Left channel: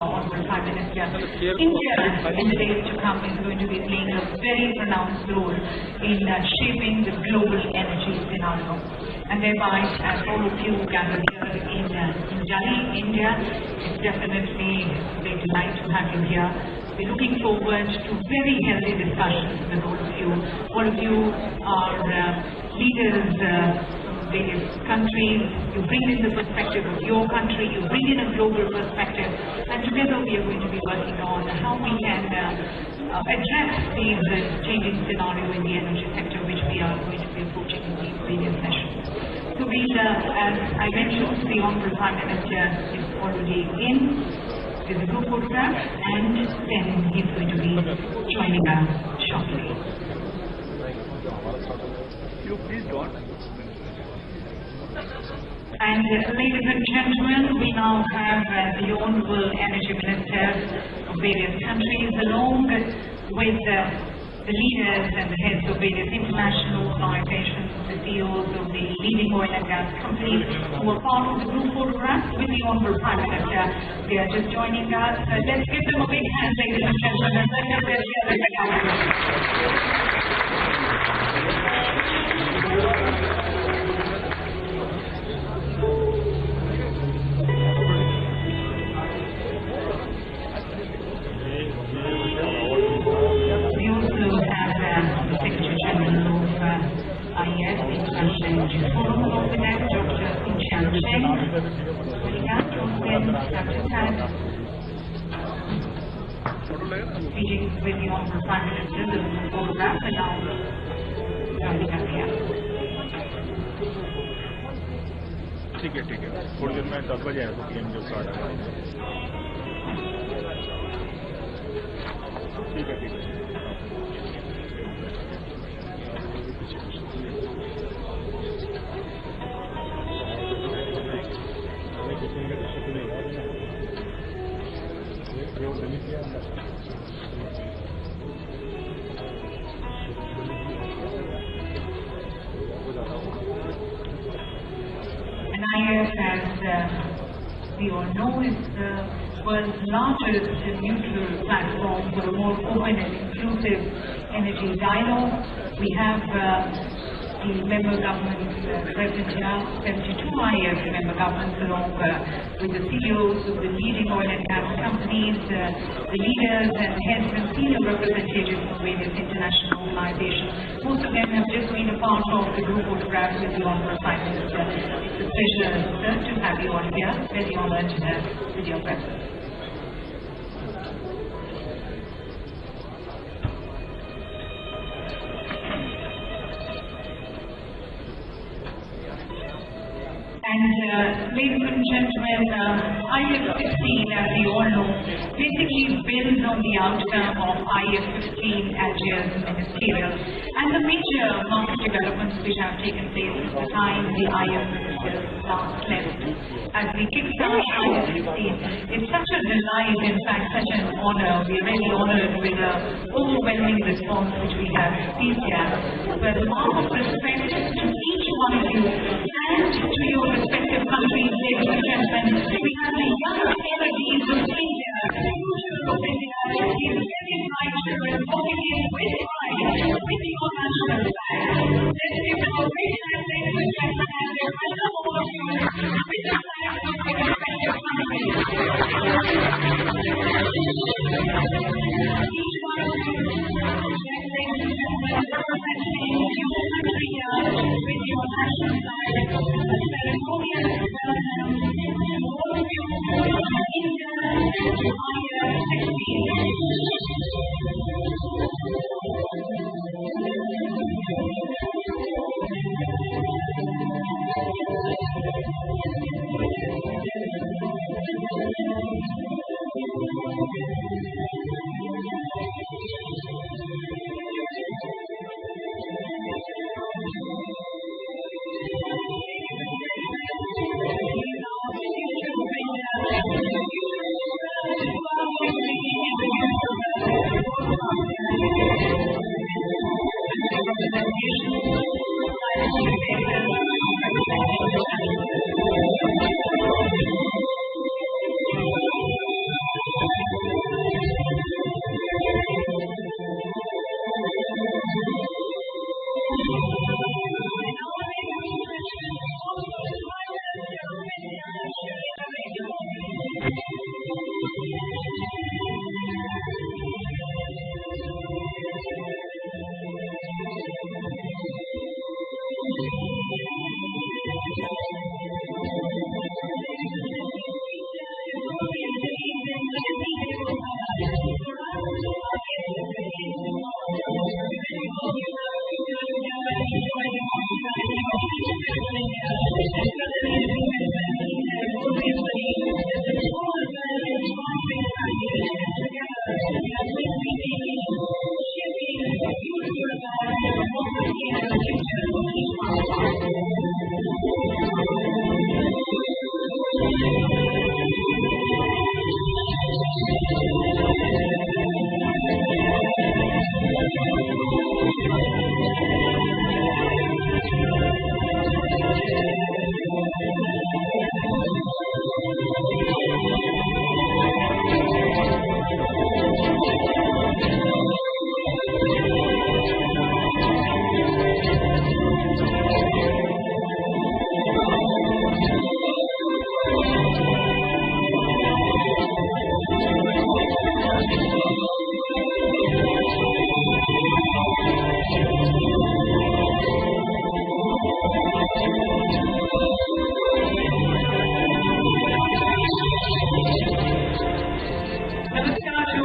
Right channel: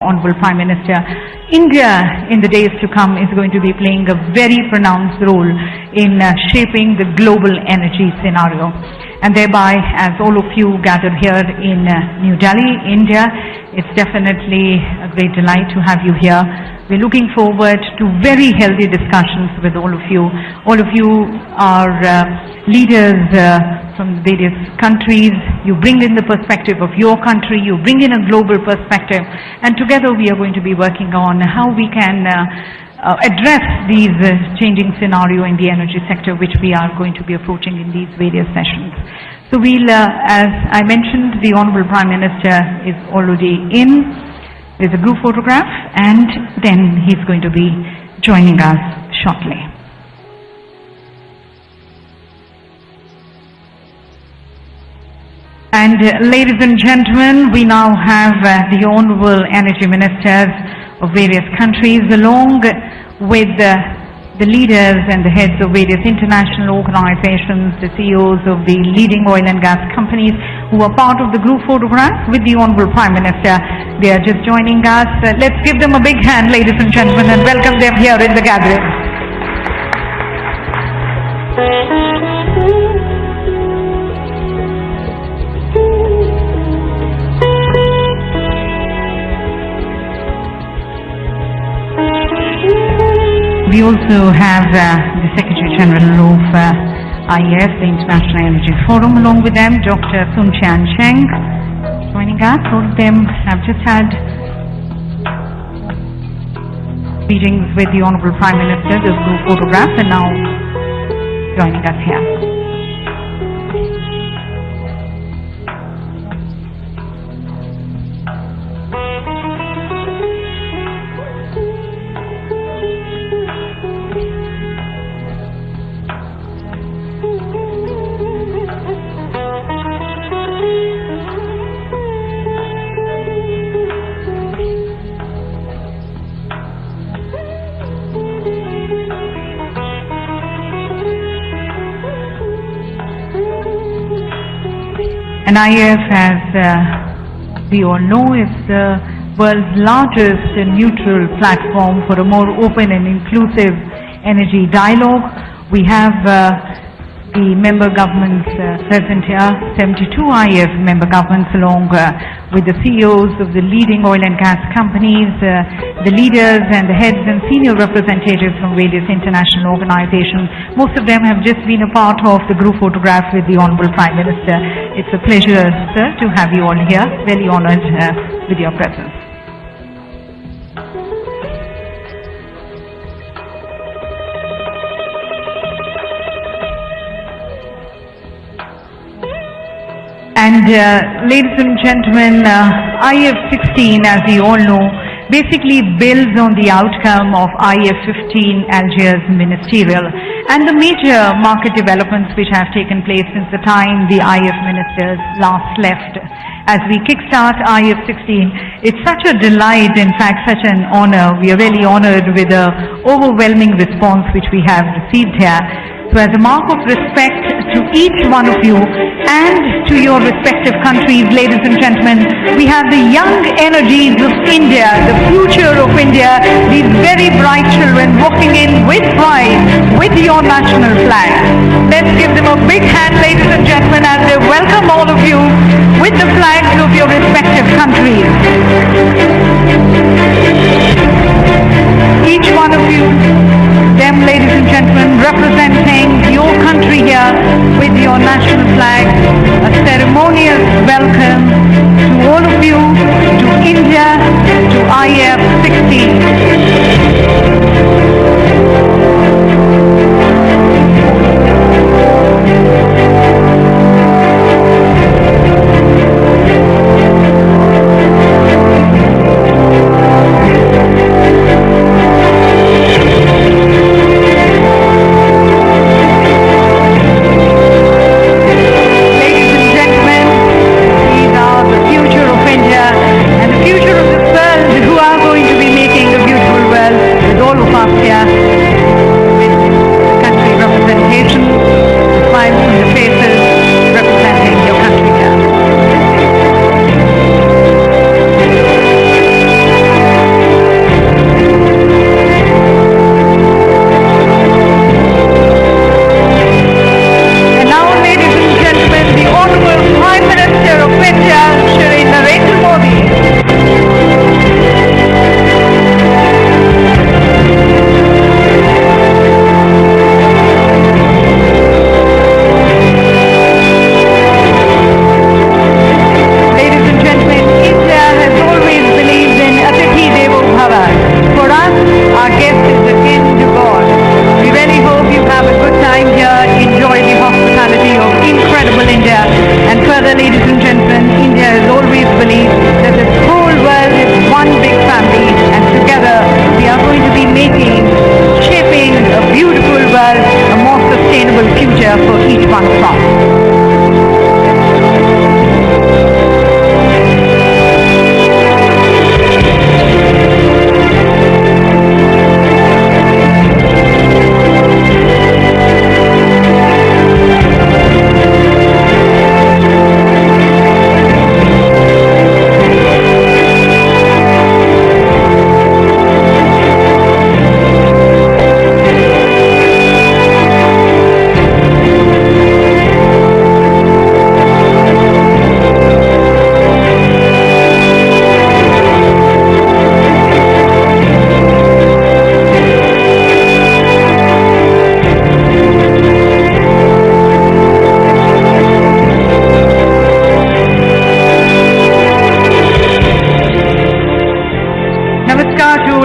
Honorable Prime Minister, India in the days to come is going to be playing a very pronounced role in shaping the global energy scenario. And thereby, as all of you gathered here in New Delhi, India, it's definitely a great delight to have you here. We're looking forward to very healthy discussions with all of you. All of you are leaders from various countries. You bring in the perspective of your country, you bring in a global perspective, and together we are going to be working on how we can address these changing scenario in the energy sector, which we are going to be approaching in these various sessions. So we'll, as I mentioned, the Honorable Prime Minister is already in. There's a group photograph, and then he's going to be joining us shortly. And ladies and gentlemen, we now have the Honorable Energy Ministers of various countries, along with the leaders and the heads of various international organizations, the CEOs of the leading oil and gas companies who are part of the group photograph with the Honorable Prime Minister. They are just joining us. Let's give them a big hand, ladies and gentlemen, and welcome them here in the gathering. We also have the Secretary General of IEF, the International Energy Forum, along with them, Dr. Sun Tian Cheng, joining us. All of them have just had meetings with the Honorable Prime Minister, the group photograph, and now joining us here. And IEF, as we all know, is the world's largest neutral platform for a more open and inclusive energy dialogue. We have the member governments present here, 72 IEF member governments, along with the CEOs of the leading oil and gas companies, the leaders and the heads and senior representatives from various international organizations. Most of them have just been a part of the group photograph with the Honorable Prime Minister. It's a pleasure, sir, to have you all here. Very honored with your presence. And ladies and gentlemen, IEF 16, as you all know, basically builds on the outcome of IEF 15 Algiers ministerial and the major market developments which have taken place since the time the IEF ministers last left. As we kickstart IEF 16, it's such a delight, in fact such an honor. We are really honored with the overwhelming response which we have received here. So as a mark of respect to each one of you and to your respective countries, ladies and gentlemen, we have the young energies of India, the future of India, these very bright children walking in with pride with your national flag. Let's give them a big hand, ladies and gentlemen, as they welcome all of you with the flags of your respective countries. Each one of you, them, ladies and gentlemen, representing your country here with your national flag, a ceremonious welcome to all of you, to India, to IEF 16.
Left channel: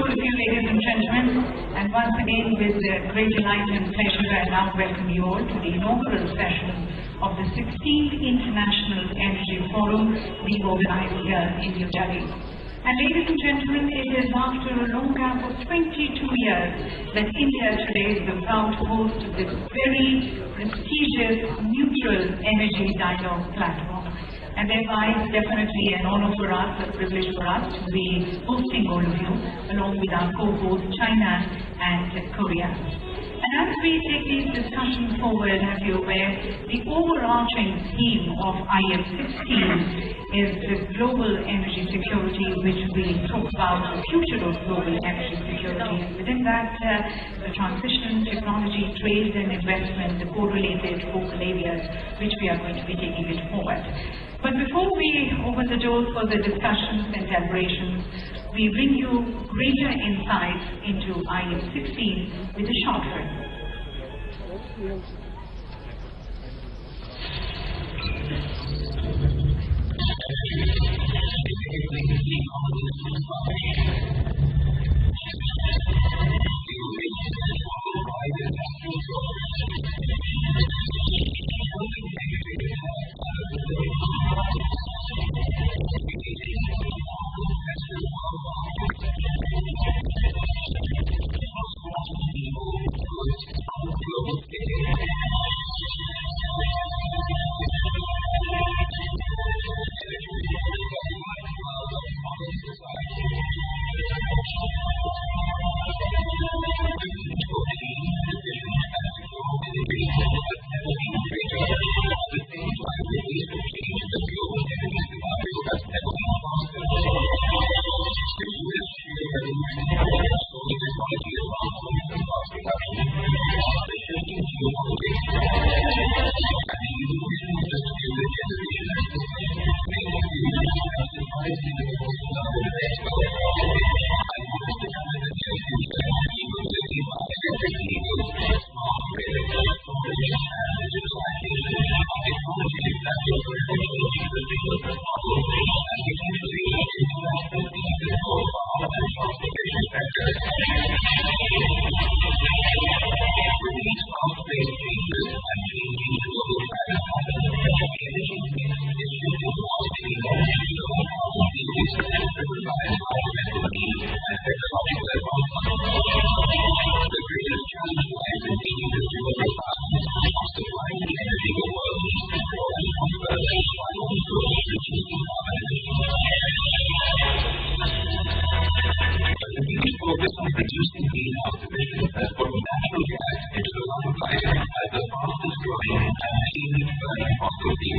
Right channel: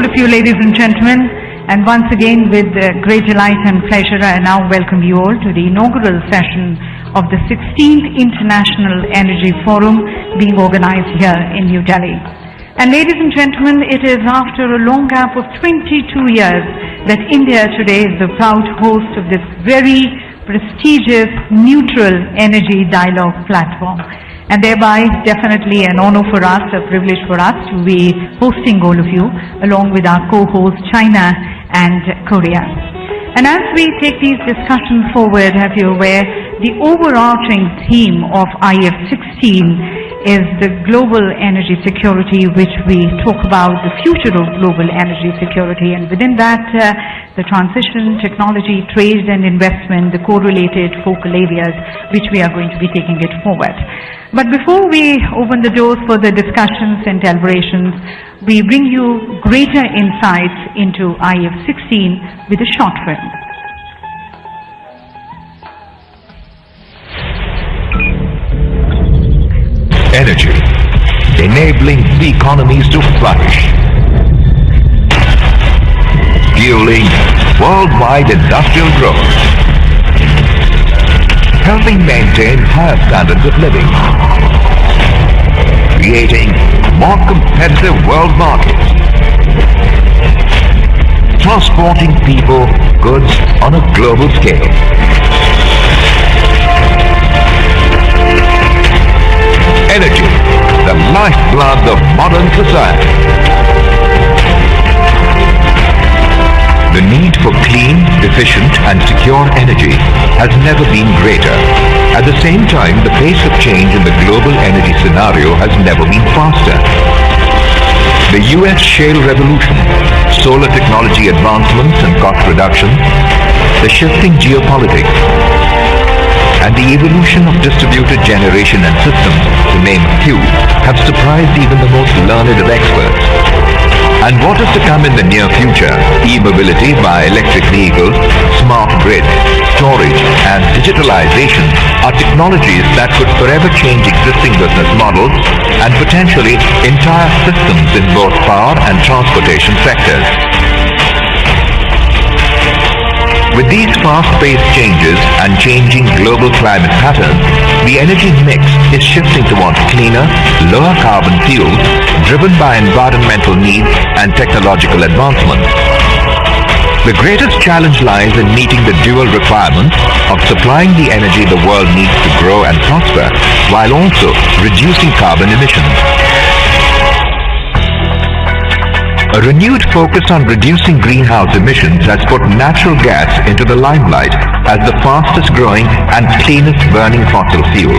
all of you, ladies and gentlemen. And once again, with great delight and pleasure, I now welcome you all to the inaugural session of the 16th International Energy Forum being organized here in New Delhi. And ladies and gentlemen, it is after a long gap of 22 years that India today is the proud host of this very prestigious, neutral energy dialogue platform. And thereby, definitely an honor for us, a privilege for us to be hosting all of you, along with our co-hosts China and Korea. And as we take these discussions forward, as you're aware, the overarching theme of IF16 is the global energy security, which we talk about the future of global energy security, and within that the transition, technology, trade and investment, the correlated focal areas which we are going to be taking it forward. But before we open the doors for the discussions and deliberations, we bring you greater insights into IF16 with a short film. Energy, enabling economies to flourish, fueling worldwide industrial growth, helping maintain higher standards of living, creating more competitive world markets, transporting people, goods on a global scale. Energy, the lifeblood of modern society. The need for clean, efficient and secure energy has never been greater. At the same time, the pace of change in the global energy scenario has never been faster. The US shale revolution, solar technology advancements and cost reduction, the shifting geopolitics, and the evolution of distributed generation and systems, to name a few, have surprised even the most learned of experts. And what is to come in the near future, e-mobility by electric vehicles, smart grid, storage and digitalization are technologies that could forever change existing business models and potentially entire systems in both power and transportation sectors. With these fast-paced changes and changing global climate patterns, the energy mix is shifting towards cleaner, lower carbon fuels driven by environmental needs and technological advancement. The greatest challenge lies in meeting the dual requirements of supplying the energy the world needs to grow and prosper, while also reducing carbon emissions. A renewed focus on reducing greenhouse emissions has put natural gas into the limelight as the fastest growing and cleanest burning fossil fuel.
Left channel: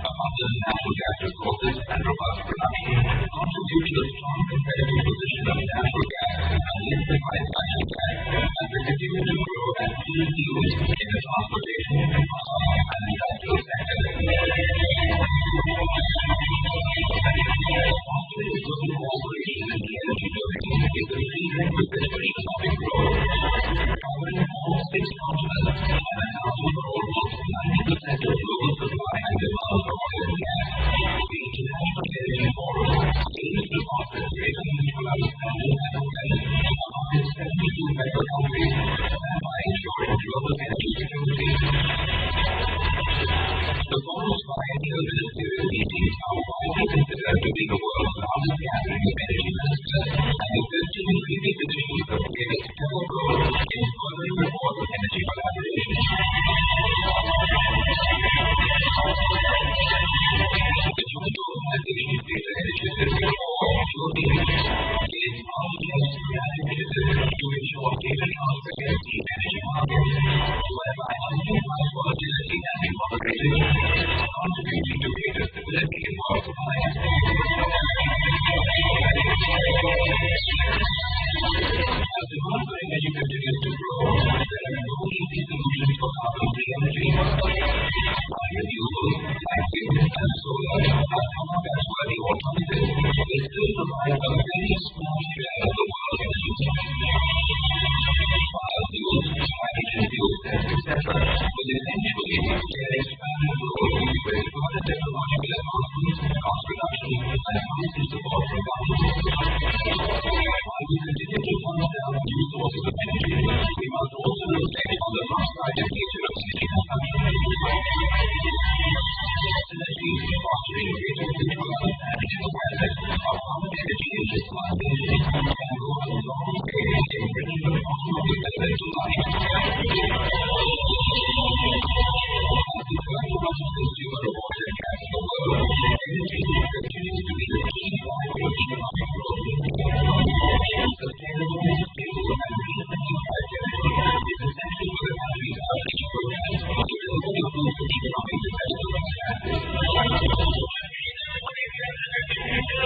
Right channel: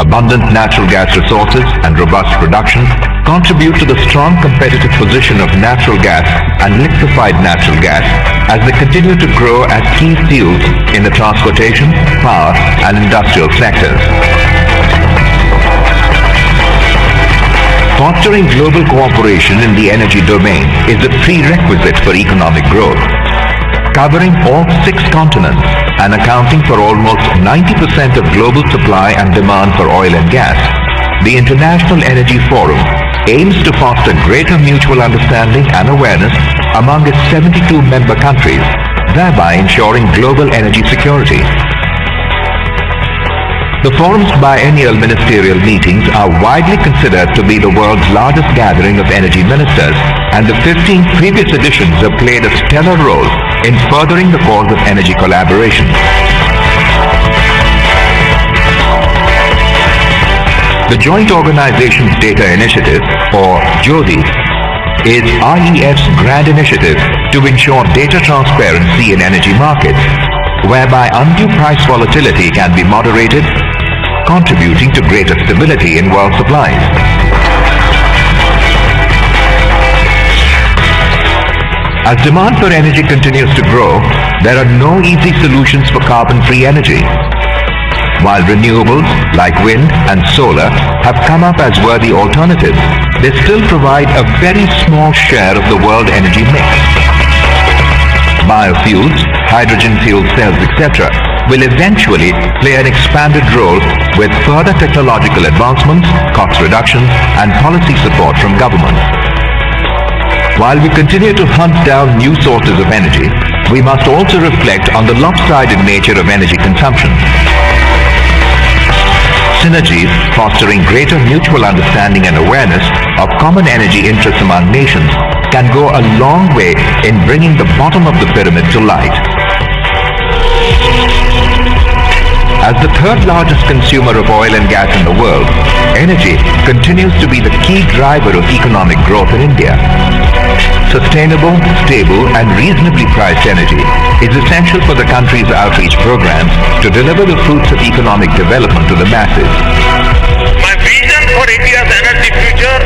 Abundant natural gas resources and robust production contribute to the strong competitive position of natural gas and liquefied natural gas as they continue to grow as key fuels in the transportation, power and industrial sectors. Fostering global cooperation in the energy domain is a prerequisite for economic growth. Covering all 6 continents and accounting for almost 90% of global supply and demand for oil and gas, the International Energy Forum aims to foster greater mutual understanding and awareness among its 72 member countries, thereby ensuring global energy security. The forum's biennial ministerial meetings are widely considered to be the world's largest gathering of energy ministers, and the 15 previous editions have played a stellar role in furthering the cause of energy collaboration. The Joint Organizations Data Initiative, or JODI, is IEF's grand initiative to ensure data transparency in energy markets, whereby undue price volatility can be moderated, contributing to greater stability in world supplies. As demand for energy continues to grow, there are no easy solutions for carbon-free energy. While renewables like wind and solar have come up as worthy alternatives, they still provide a very small share of the world energy mix. Biofuels, hydrogen fuel cells, etc. will eventually play an expanded role with further technological advancements, cost reductions, and policy support from governments. While we continue to hunt down new sources of energy, we must also reflect on the lopsided nature of energy consumption. Synergies fostering greater mutual understanding and awareness of common energy interests among nations can go a long way in bringing the bottom of the pyramid to light. As the third largest consumer of oil and gas in the world, energy continues to be the key driver of economic growth in India. Sustainable, stable and reasonably priced energy is essential for the country's outreach programs to deliver the fruits of economic development to the masses. My vision for India's energy future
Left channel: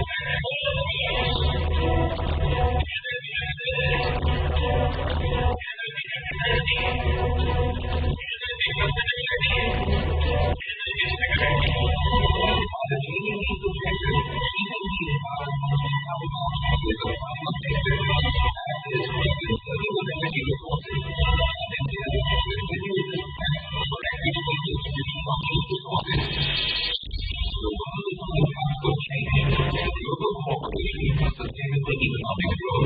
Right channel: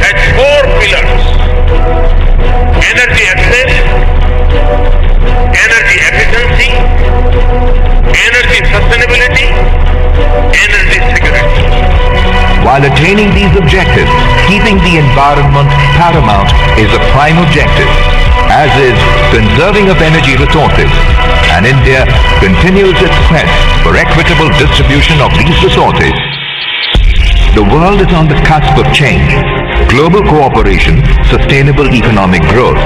has 4 pillars: energy access, energy efficiency, energy sustainability, energy security. While attaining these objectives, keeping the environment paramount is a prime objective, as is conserving of energy resources, and India continues its quest for equitable distribution of these resources. The world is on the cusp of change. Global cooperation, sustainable economic growth,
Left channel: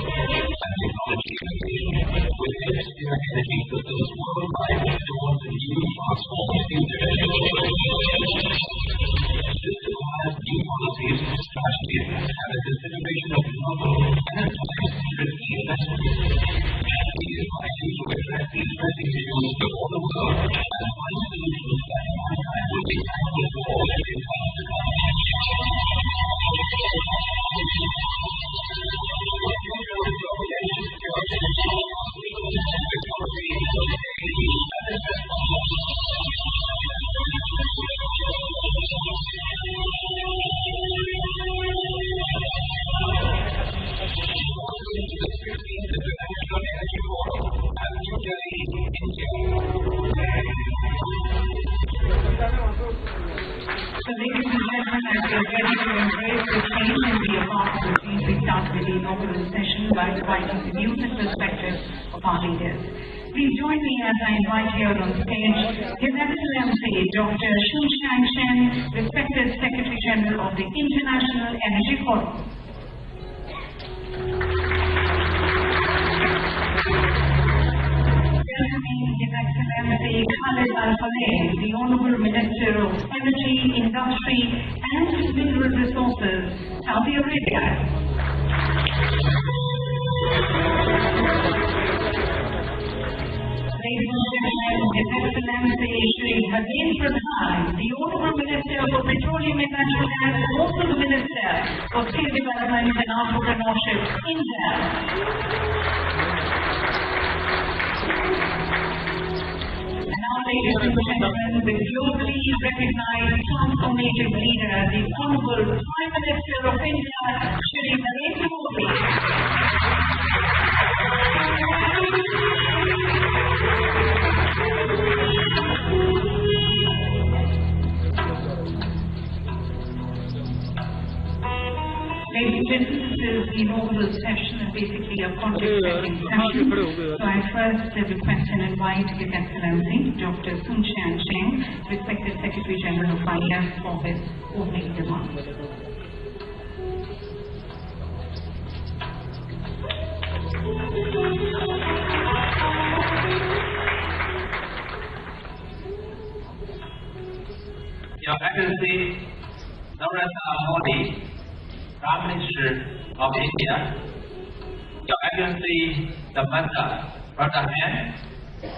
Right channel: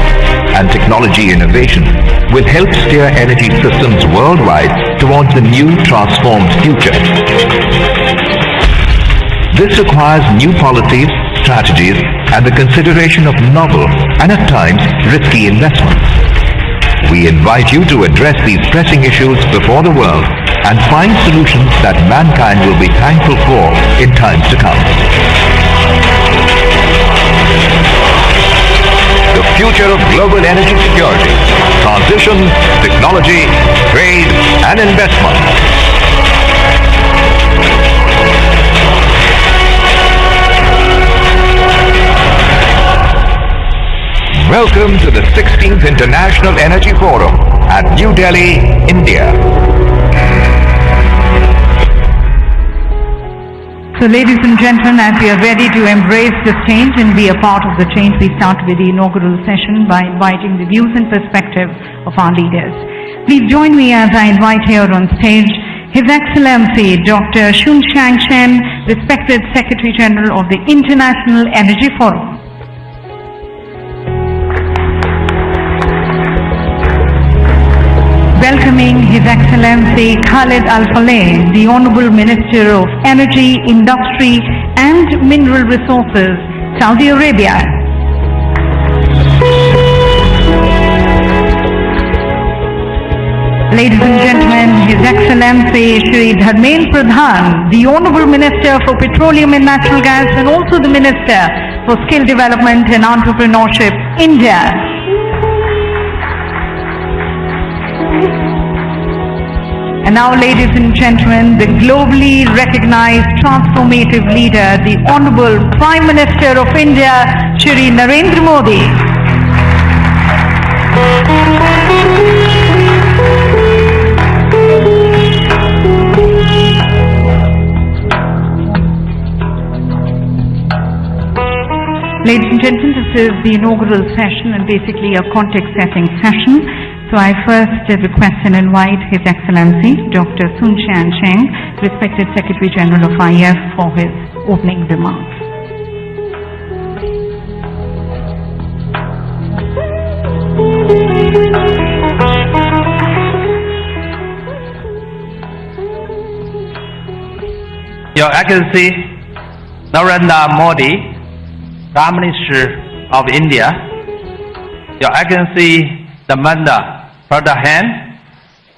and technology innovation will help steer energy systems worldwide towards the new transformed future. This requires new policies, strategies, and the consideration of novel and at times risky investments. We invite you to address these pressing issues before the world and find solutions that mankind will be thankful for in times to come. The future of global energy security, transition, technology, trade, and investment. Welcome to the 16th International Energy Forum at New Delhi, India. So ladies and gentlemen, as we are ready to embrace this change and be a part of the change, we start with the inaugural session by inviting the views and perspectives of our leaders. Please join me as I invite here on stage His Excellency Dr. Sun Chang-Chen, respected Secretary General of the International Energy Forum. Welcoming His Excellency Khalid Al-Faleh, the Honorable Minister of Energy, Industry and Mineral Resources, Saudi Arabia. Ladies and gentlemen, His Excellency Shri Narendra Modi, the Honorable Minister for Petroleum and Natural Gas and also the Minister for Skill Development and Entrepreneurship, India. And now, ladies and gentlemen, the globally recognized transformative leader, the Honorable Prime Minister of India, Shri Narendra Modi. Ladies and gentlemen, this is the inaugural session and basically a context-setting session. So I first request and invite His Excellency Dr. Sun Chang-Chen, respected Secretary General of IF, for his opening remarks. Your Excellency Narendra Modi, Prime Minister of India, Your Excellency Dharmendra Pradhan,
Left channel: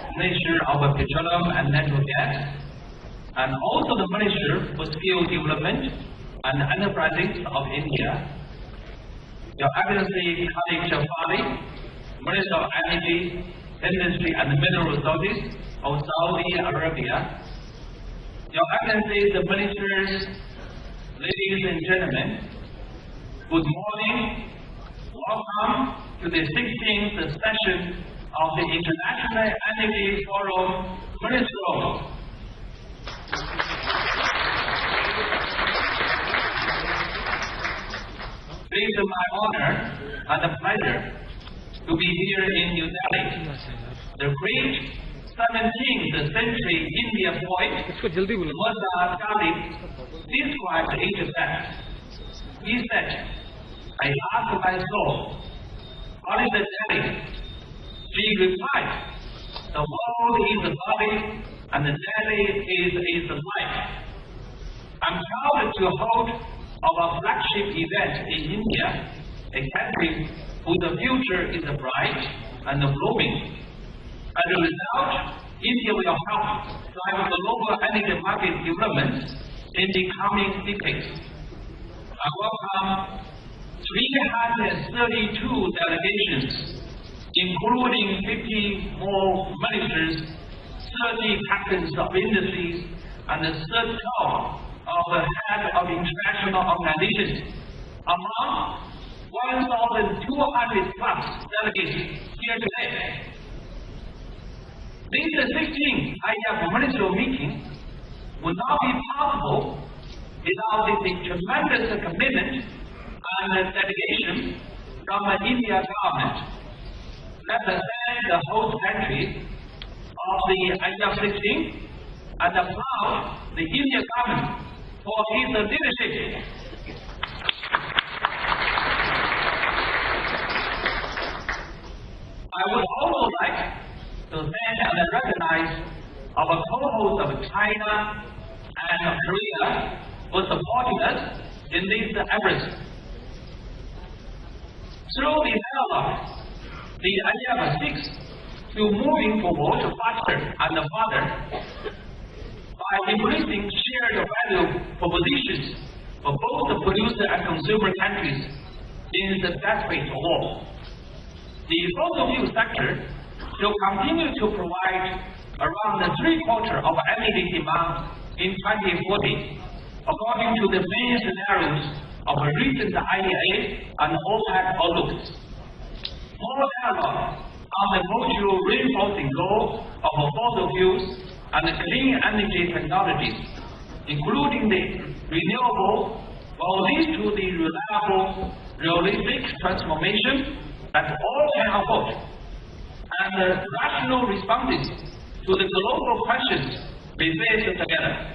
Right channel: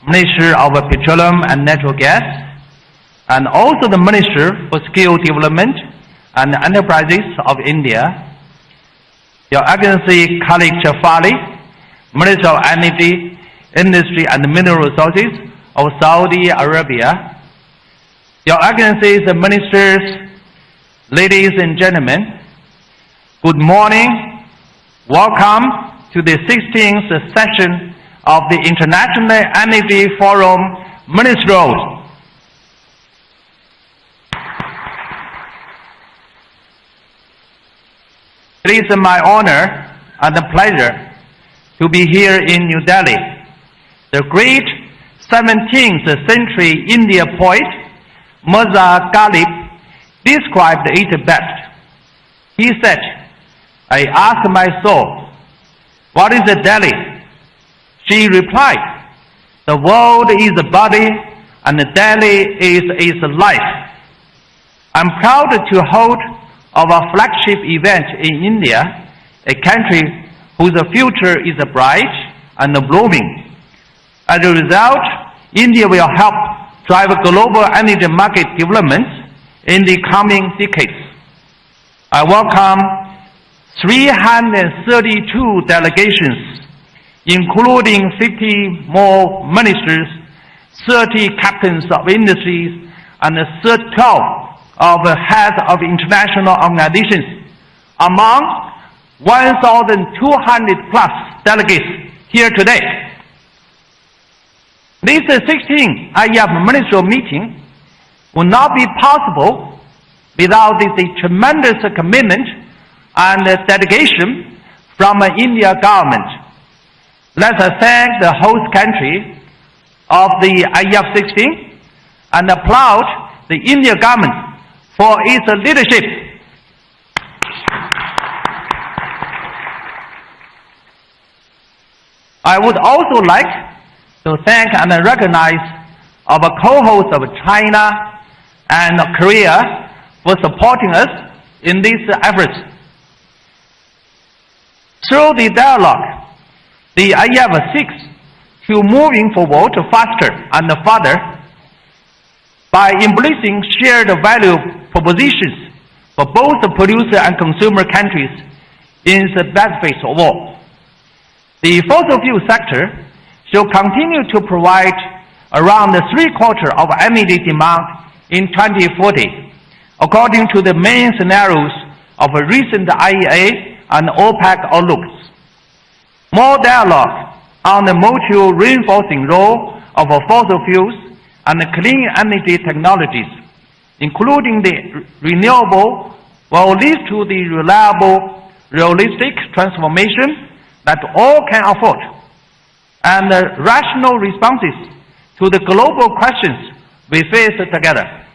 Minister of Petroleum and Natural Gas, and also the Minister for Skill Development and Enterprises of India, Your Excellency Khalid Al-Faleh, Minister of Energy, Industry and Mineral Resources of Saudi Arabia, Your Excellencies, the Ministers, ladies and gentlemen, good morning. Welcome to the 16th session of the International Energy Forum Ministerials. It is my honor and a pleasure to be here in New Delhi. The great 17th century India poet Mirza Ghalib described it best. He said, I asked my soul, what is a Delhi? She replied, the world is a body and Delhi is its life. I'm proud to hold our flagship event in India, a country whose future is bright and blooming. As a result, India will help drive global energy market development in the coming decades. I welcome 332 delegations, including 50 more ministers, 30 captains of industries, and 12 of heads of international organizations, among 1,200 plus delegates here today. This 16th IEF ministerial meeting would not be possible without the tremendous commitment and dedication from the India government. Let us thank the host country of the IEF 16 and applaud the India government for its leadership. I would also like to thank and recognize our co-hosts of China and Korea for supporting us in these efforts. Through the dialogue, the IEF seeks to moving forward faster and further by embracing shared value propositions for both the producer and consumer countries in the benefit of all. The fossil fuel sector shall continue to provide around 3/4 of energy demand in 2040, according to the main scenarios of recent IEA and OPEC outlooks. More dialogue on the mutual reinforcing role of fossil fuels and clean energy technologies, including the renewable, will lead to the reliable, realistic transformation that all can afford, and rational responses to the global questions we face together.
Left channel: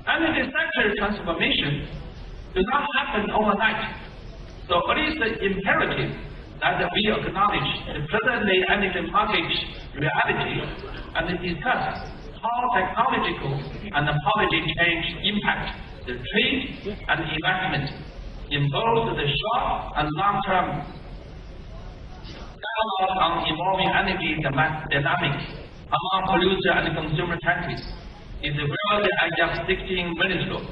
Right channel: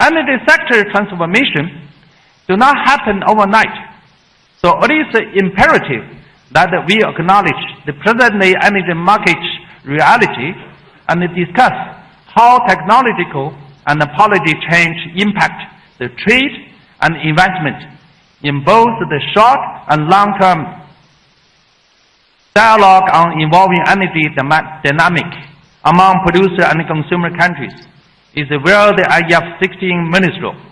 Energy sector transformation do not happen overnight, so it is imperative that we acknowledge the present energy market reality and discuss how technological and policy change impact the trade and investment in both the short and long term. Dialogue on involving energy dynamics among producer and consumer countries is where the IEF 16 Ministerial,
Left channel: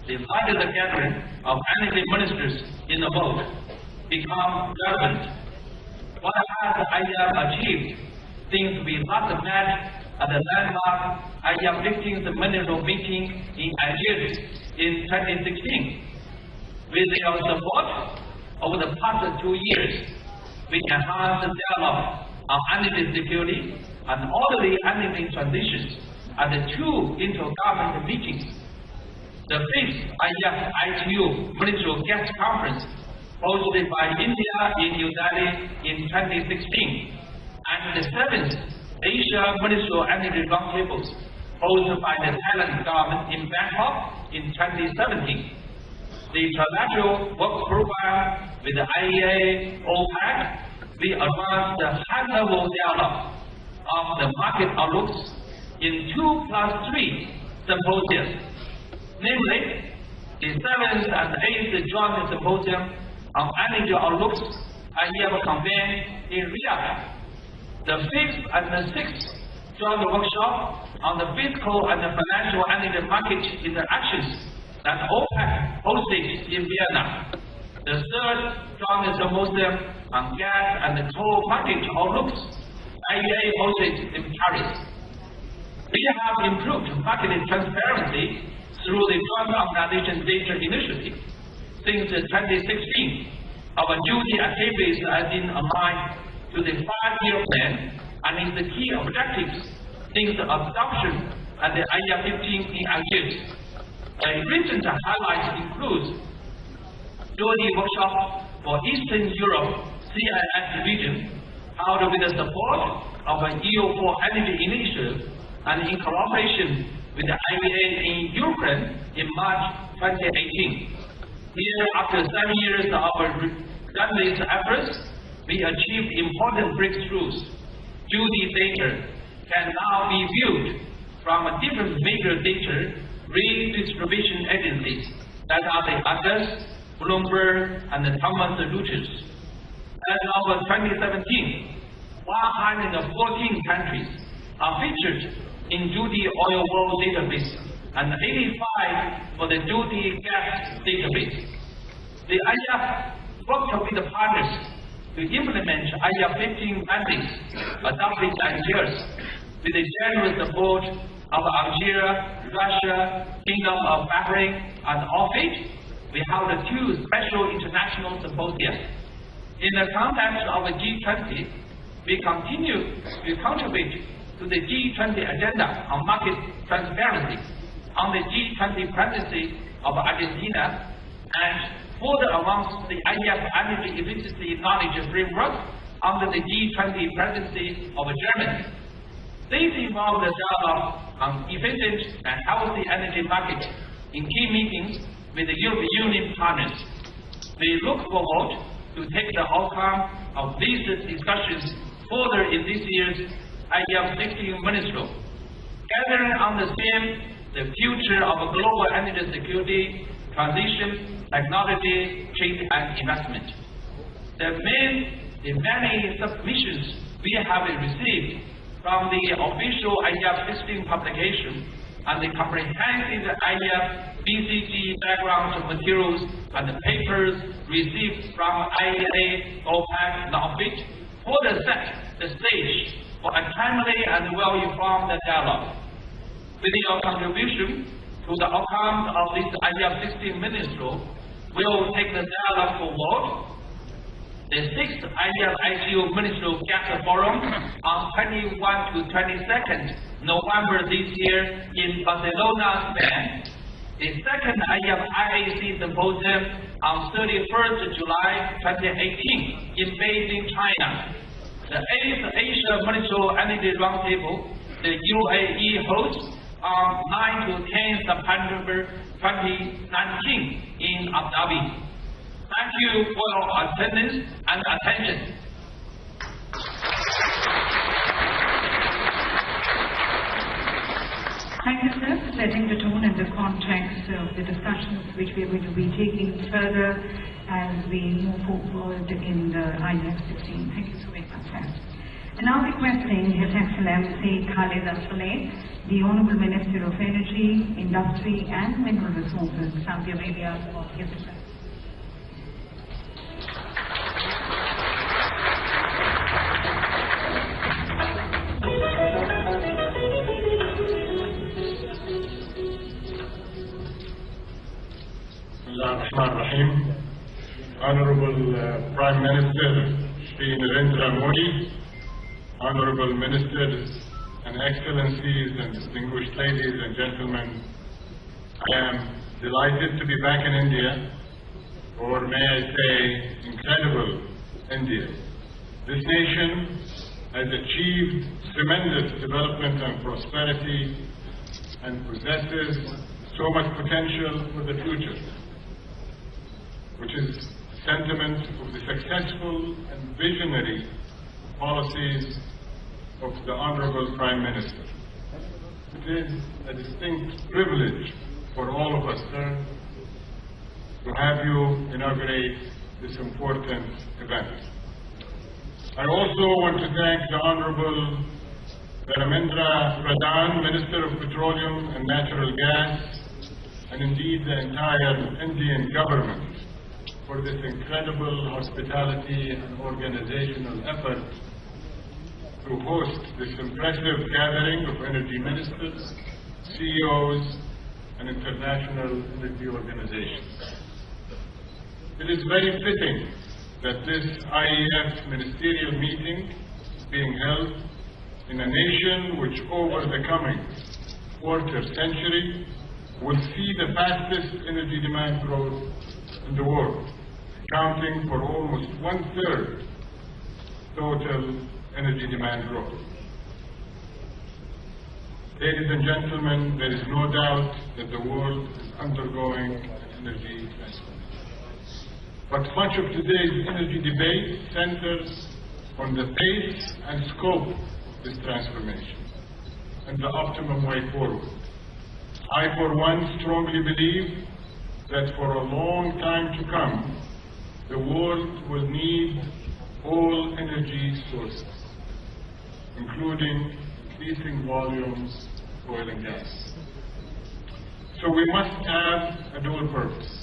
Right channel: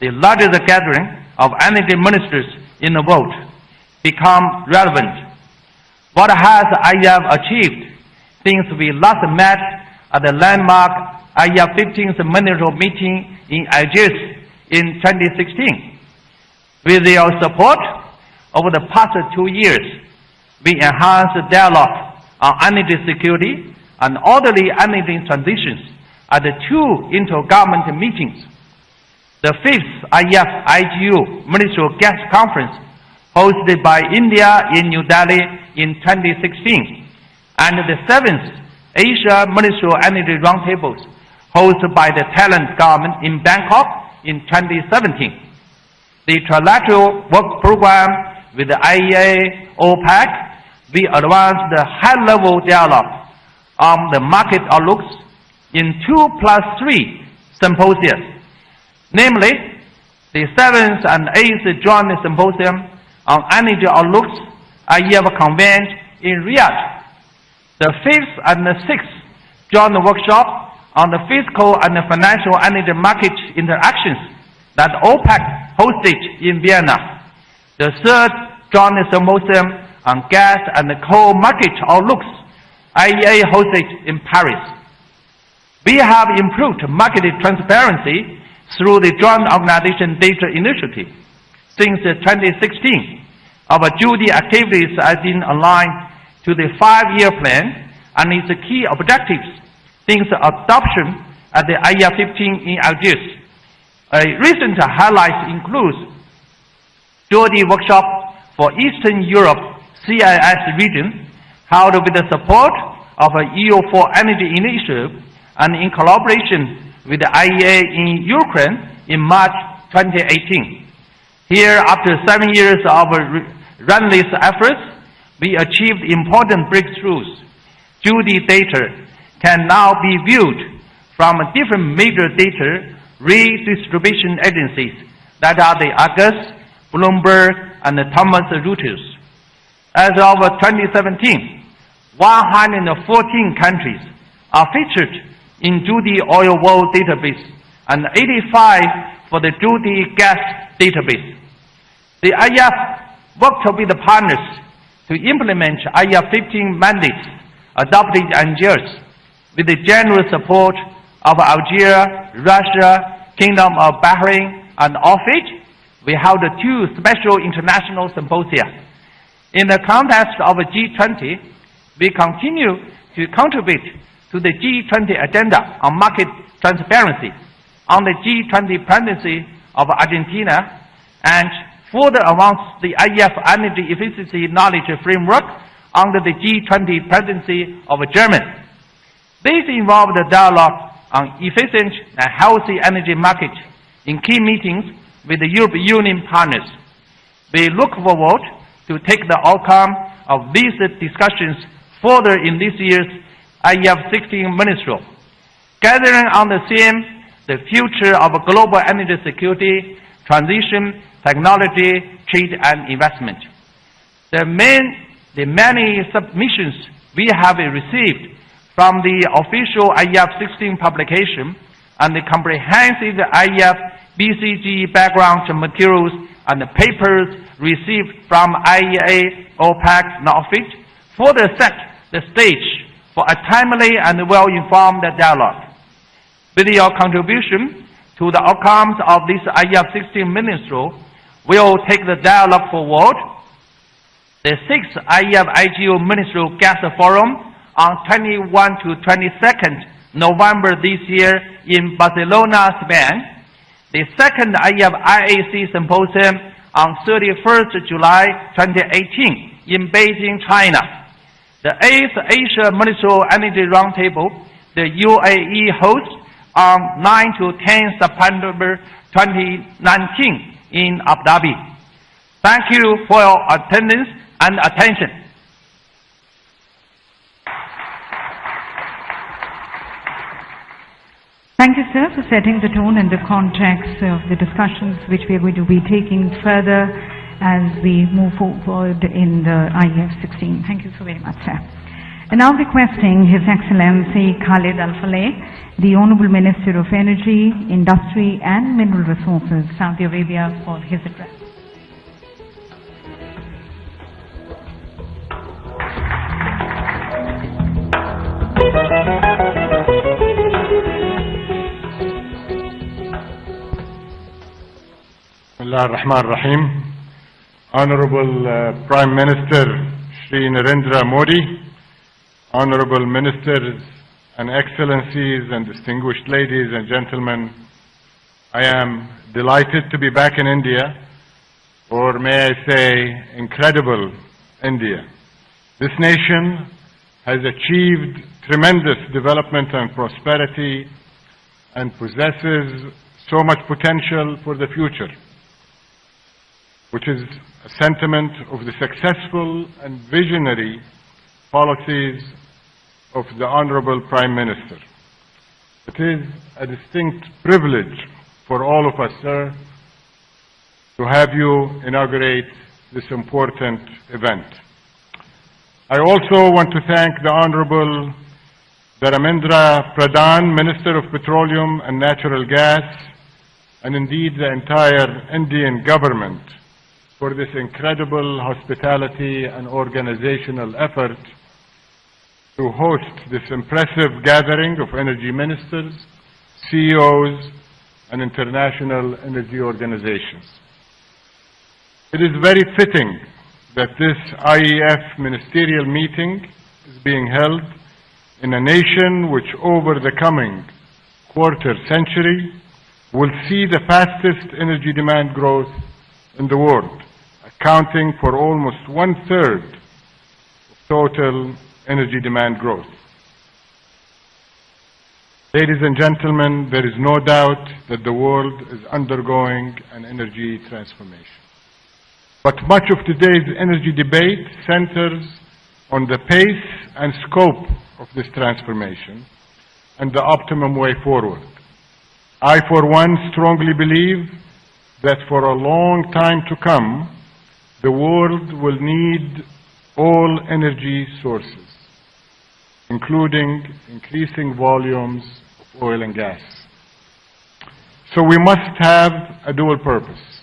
the largest gathering of energy ministers in the world, become relevant. What has IEF achieved since we last met at the landmark IEF 15th Ministerial meeting in Algiers in 2016? With your support over the past 2 years, we enhanced dialogue on energy security and orderly energy transitions at the 2 intergovernmental meetings. The 5th IEF IGU Ministerial Guest Conference hosted by India in New Delhi in 2016, and the 7th Asia Ministerial Energy Roundtables hosted by the Thailand government in Bangkok in 2017. The trilateral work program with the IEA, OPEC, we advanced the high-level dialogue on the market outlooks in 2+3 symposia, namely the 7th and 8th Joint Symposium on Energy Outlooks IEF convened in Riyadh, the 5th and the 6th Joint Workshop on the Fiscal and Financial Energy Market Interactions that OPEC hosted in Vienna, the 3rd Joint Symposium on Gas and Coal Market Outlooks IEA hosted in Paris. We have improved market transparency through the Joint Organization Data Initiative. Since 2016, our duty activities have been aligned to the 5-year plan and its key objectives since adoption at the IEF 15 in Algiers. A recent highlight includes duty workshop for Eastern Europe CIS region, held with the support of a EU4 Energy Initiative and in collaboration with the IEA in Ukraine in March 2018. Here, after 7 years of relentless efforts, we achieved important breakthroughs. Judy data can now be viewed from different major data redistribution agencies that are the Argus, Bloomberg, and the Thomson Reuters. As of 2017, 114 countries are featured in Judy Oil World Database and 85 for the Judy Gas Database. The IEF worked with the partners to implement IEF 15 mandates adopted in Algiers with the generous support of Algeria, Russia, Kingdom of Bahrain, and OFID. We held 2 special international symposia. In the context of G20, we continue to contribute to the G20 agenda on market transparency, on the G20 presidency of Argentina, and further advance the IEF energy efficiency knowledge framework under the G20 presidency of Germany. This involved the dialogue on efficient and healthy energy markets in key meetings with the European Union partners. We look forward to take the outcome of these discussions further in this year's IEF 16 Ministerial, gathering on the theme, the future of global energy security, transition, technology, trade, and investment. The many submissions we have received from the official IEF 16 publication and the comprehensive IEF BCG background materials and the papers received from IEA, OPEC, and OFID further set the stage for a timely and well-informed dialogue. With your contribution to the outcomes of this IEF 16 Ministerial, we will take the dialogue forward. The 6th IEF IGO Ministerial Gas Forum on 21 to 22nd November this year in Barcelona, Spain. The 2nd IEF IAC Symposium on 31st July 2018 in Beijing, China. The 8th Asia Ministerial Energy Roundtable, the UAE hosts on 9 to 10 September 2019 in Abu Dhabi. Thank you for your attendance and attention. Thank you, sir, for setting the tone and the context of the discussions which we are going to be taking further as we move forward in the IEF 16. Thank you so very much, sir. And now requesting His Excellency Khalid Al-Faleh, the Honorable Minister of Energy, Industry and Mineral Resources, Saudi Arabia, for his address. Bismillah ar-Rahman ar-Rahim. Honorable Prime Minister Shri Narendra Modi, Honorable Ministers and Excellencies and distinguished ladies and gentlemen, I am delighted to be back in India, or may I say, incredible India. This nation has achieved tremendous development and prosperity and possesses so much potential for the future, which is a sentiment of the successful and visionary policies of the Honorable Prime Minister. It is a distinct privilege for all of us, sir, to have you inaugurate this important event. I also want to thank the Honorable Dharmendra Pradhan, Minister of Petroleum and Natural Gas, and indeed the entire Indian government for this incredible hospitality and organizational effort to host this impressive gathering of energy ministers, CEOs, and international energy organizations. It is very fitting that this IEF ministerial meeting is being held in a nation which over the coming quarter century will see the fastest energy demand growth in the world, accounting for almost 1/3 total energy demand growth. Ladies and gentlemen, there is no doubt that the world is undergoing an energy transformation. But much of today's energy debate centers on the pace and scope of this transformation and the optimum way forward. I, for one, strongly believe that for a long time to come, the world will need all energy sources, including increasing volumes of oil and gas. So we must have a dual purpose.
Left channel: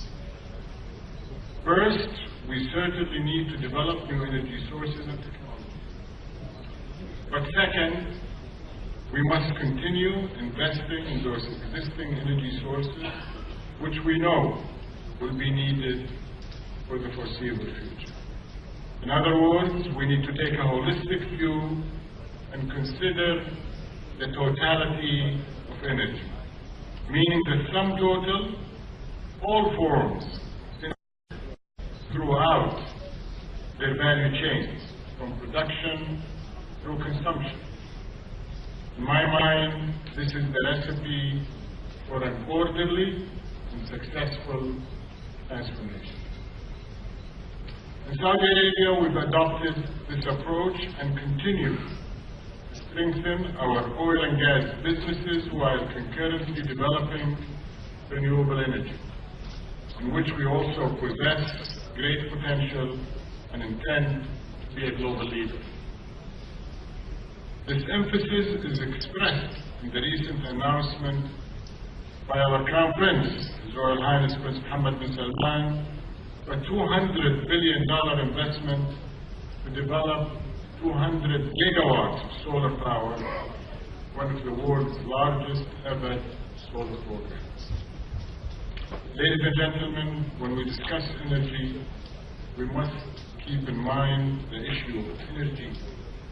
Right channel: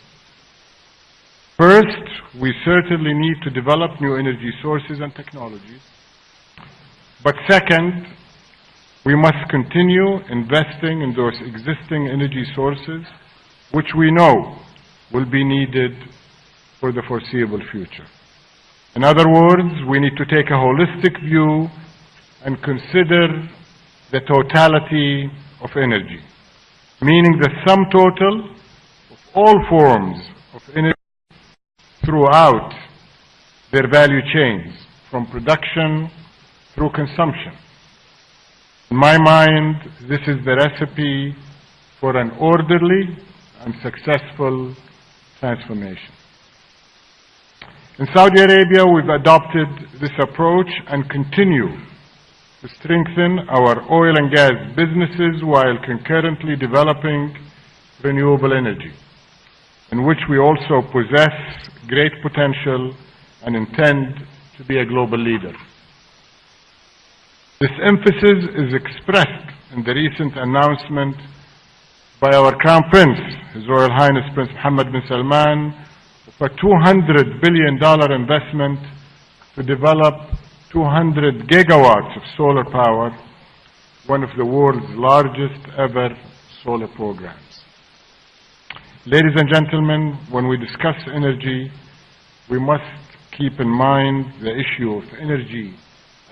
First, we certainly need to develop new energy sources and technologies. But second, we must continue investing in those existing energy sources, which we know will be needed for the foreseeable future. In other words, we need to take a holistic view and consider the totality of energy, meaning the sum total of all forms of energy throughout their value chains, from production through consumption. In my mind, this is the recipe for an orderly and successful transformation. In Saudi Arabia, we've adopted this approach and continue to strengthen our oil and gas businesses while concurrently developing renewable energy, in which we also possess great potential and intend to be a global leader. This emphasis is expressed in the recent announcement by our Crown Prince, His Royal Highness Prince Mohammed bin Salman, of a $200 billion investment to develop 200 gigawatts of solar power, one of the world's largest ever solar programs. Ladies and gentlemen, when we discuss energy, we must keep in mind the issue of energy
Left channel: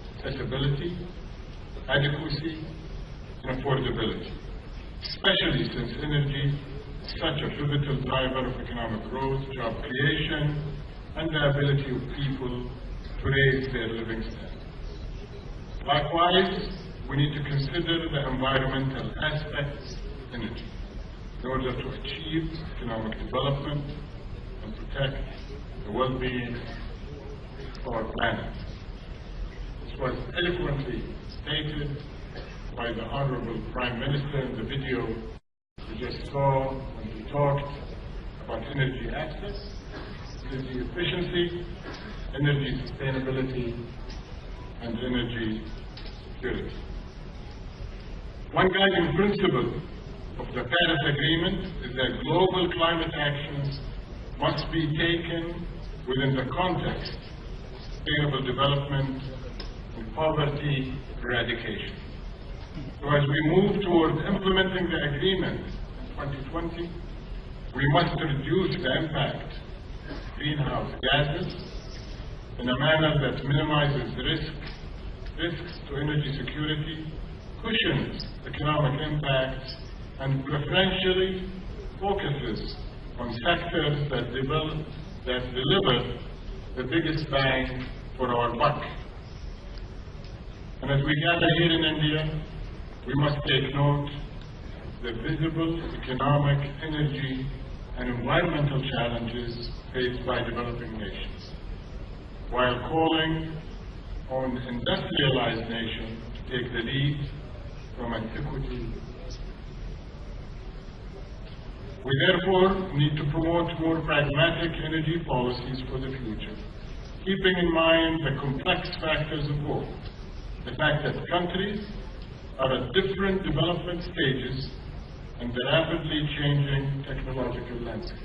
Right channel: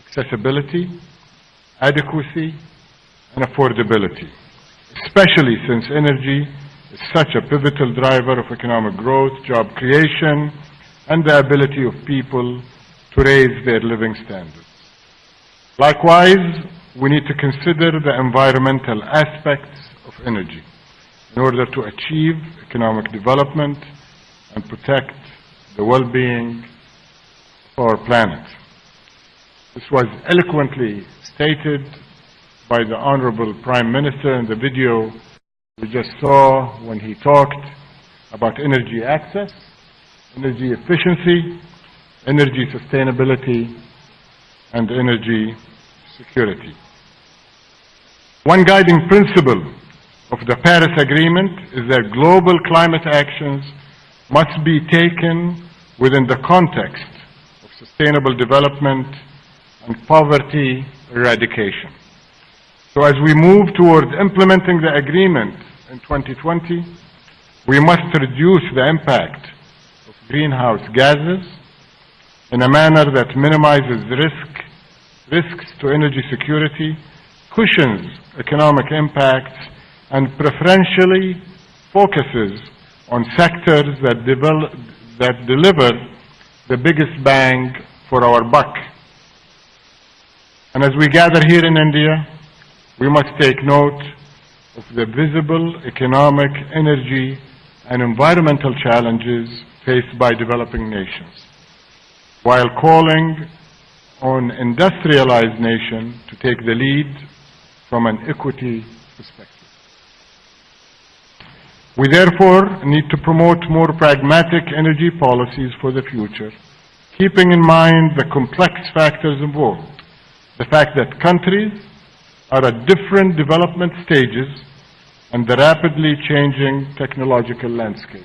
accessibility, adequacy, and affordability, especially since energy is such a pivotal driver of economic growth, job creation, and the ability of people to raise their living standards. Likewise, we need to consider the environmental aspects of energy in order to achieve economic development and protect the well-being of our planet. This was eloquently stated by the Honorable Prime Minister in the video we just saw when he talked about energy access, energy efficiency, energy sustainability, and energy security. One guiding principle of the Paris Agreement is that global climate actions must be taken within the context of sustainable development and poverty eradication. So as we move towards implementing the agreement in 2020, we must reduce the impact of greenhouse gases in a manner that minimizes risks to energy security, cushions economic impacts, and preferentially focuses on sectors that deliver the biggest bang for our buck. And as we gather here in India, we must take note of the visible economic, energy, and environmental challenges faced by developing nations, while calling on industrialized nations to take the lead from an equity perspective. We therefore need to promote more pragmatic energy policies for the future, keeping in mind the complex factors involved, the fact that countries are at different development stages and the rapidly changing technological landscape.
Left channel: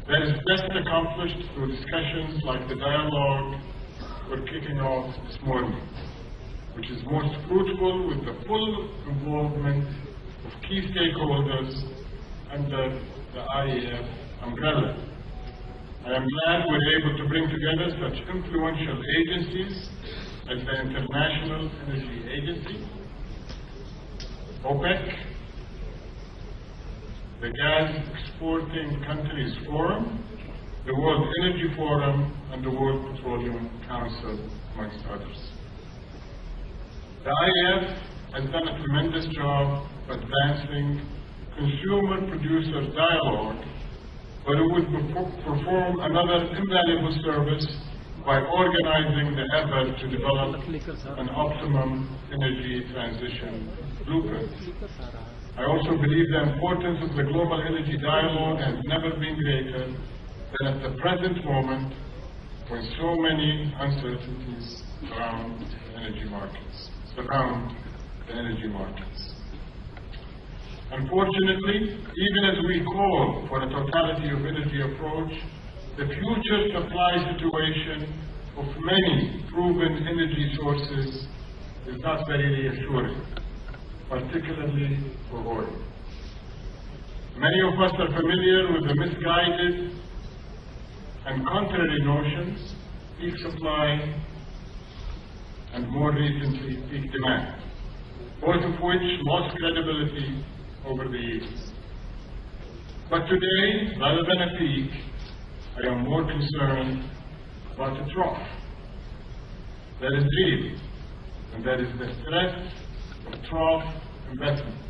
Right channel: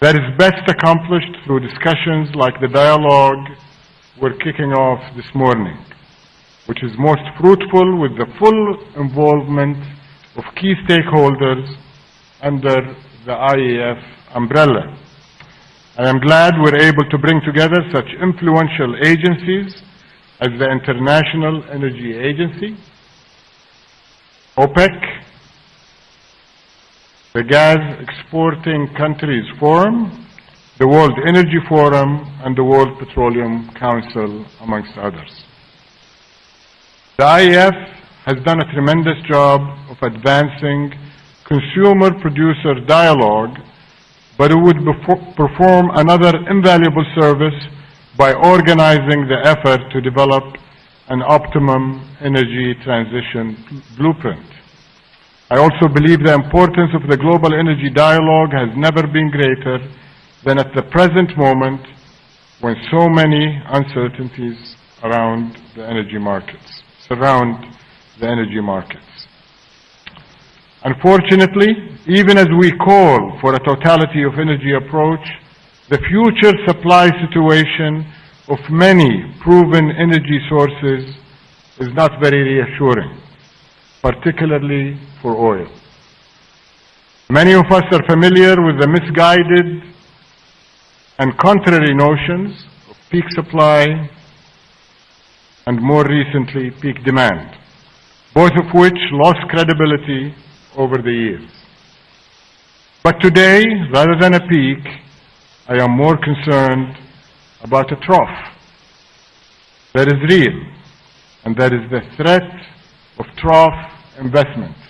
That is best accomplished through discussions like the dialogue we're kicking off this morning, which is most fruitful with the full involvement of key stakeholders under the IEF umbrella. I am glad we're able to bring together such influential agencies as the International Energy Agency, OPEC, the Gas Exporting Countries Forum, the World Energy Forum, and the World Petroleum Council, amongst others. The IEF has done a tremendous job of advancing consumer-producer dialogue, but it would perform another invaluable service by organizing the effort to develop an optimum energy transition blueprint. I also believe the importance of the global energy dialogue has never been greater than at the present moment, when so many uncertainties surround the energy markets. Unfortunately, even as we call for a totality of energy approach, the future supply situation of many proven energy sources is not very reassuring, particularly for oil. Many of us are familiar with the misguided and contrary notions of peak supply and more recently peak demand, both of which lost credibility over the years. But today, rather than a peak, I am more concerned about a trough that is real, and that is the threat of trough investments,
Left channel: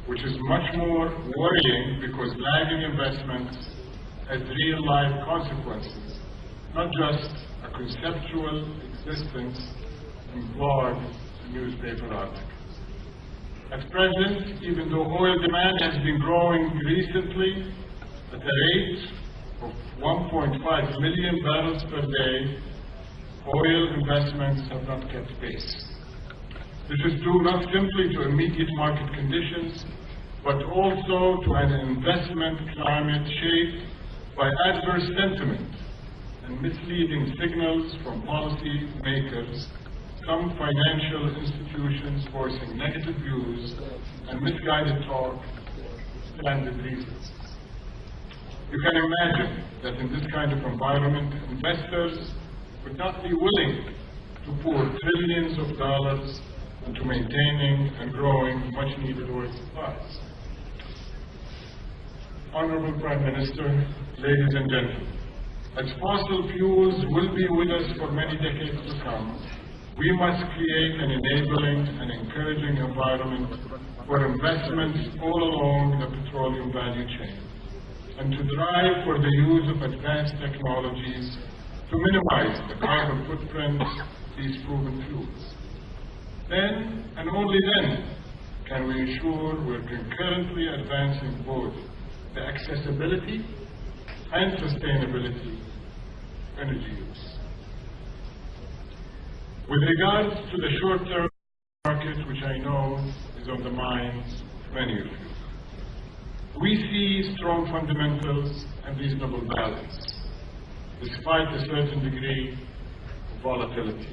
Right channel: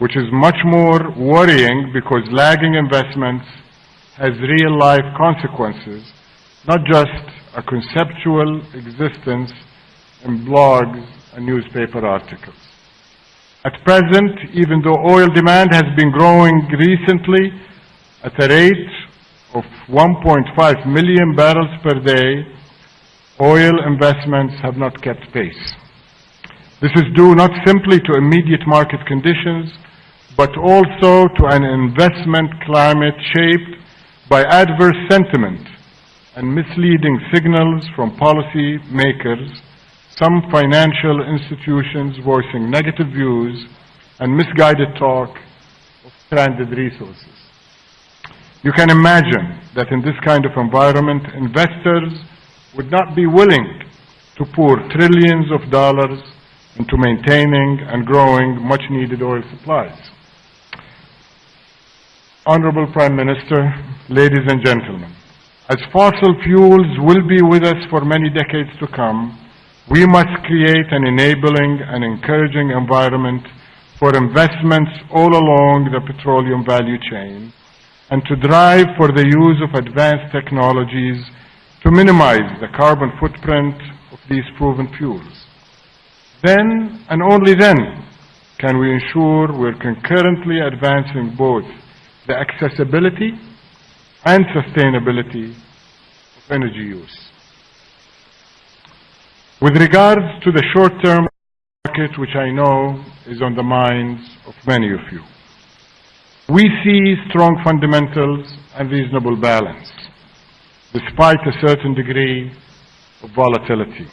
which is much more worrying because lagging investments has real-life consequences, not just a conceptual existence in blogs and newspaper articles. At present, even though oil demand has been growing recently at a rate of 1.5 million barrels per day, oil investments have not kept pace. This is due not simply to immediate market conditions, but also to an investment climate shaped by adverse sentiment and misleading signals from policy makers, some financial institutions voicing negative views, and misguided talk of stranded resources. You can imagine that in this kind of environment, investors would not be willing to pour trillions of dollars into maintaining and growing much-needed oil supplies. Honorable Prime Minister, ladies and gentlemen, as fossil fuels will be with us for many decades to come, we must create an enabling and encouraging environment for investments all along the petroleum value chain, and to drive for the use of advanced technologies to minimize the carbon footprint of these proven fuels. Then, and only then, can we ensure we're concurrently advancing both the accessibility and sustainability of energy use. With regards to the short-term market, which I know is on the minds of many of you, we see strong fundamentals and reasonable balance, despite a certain degree of volatility.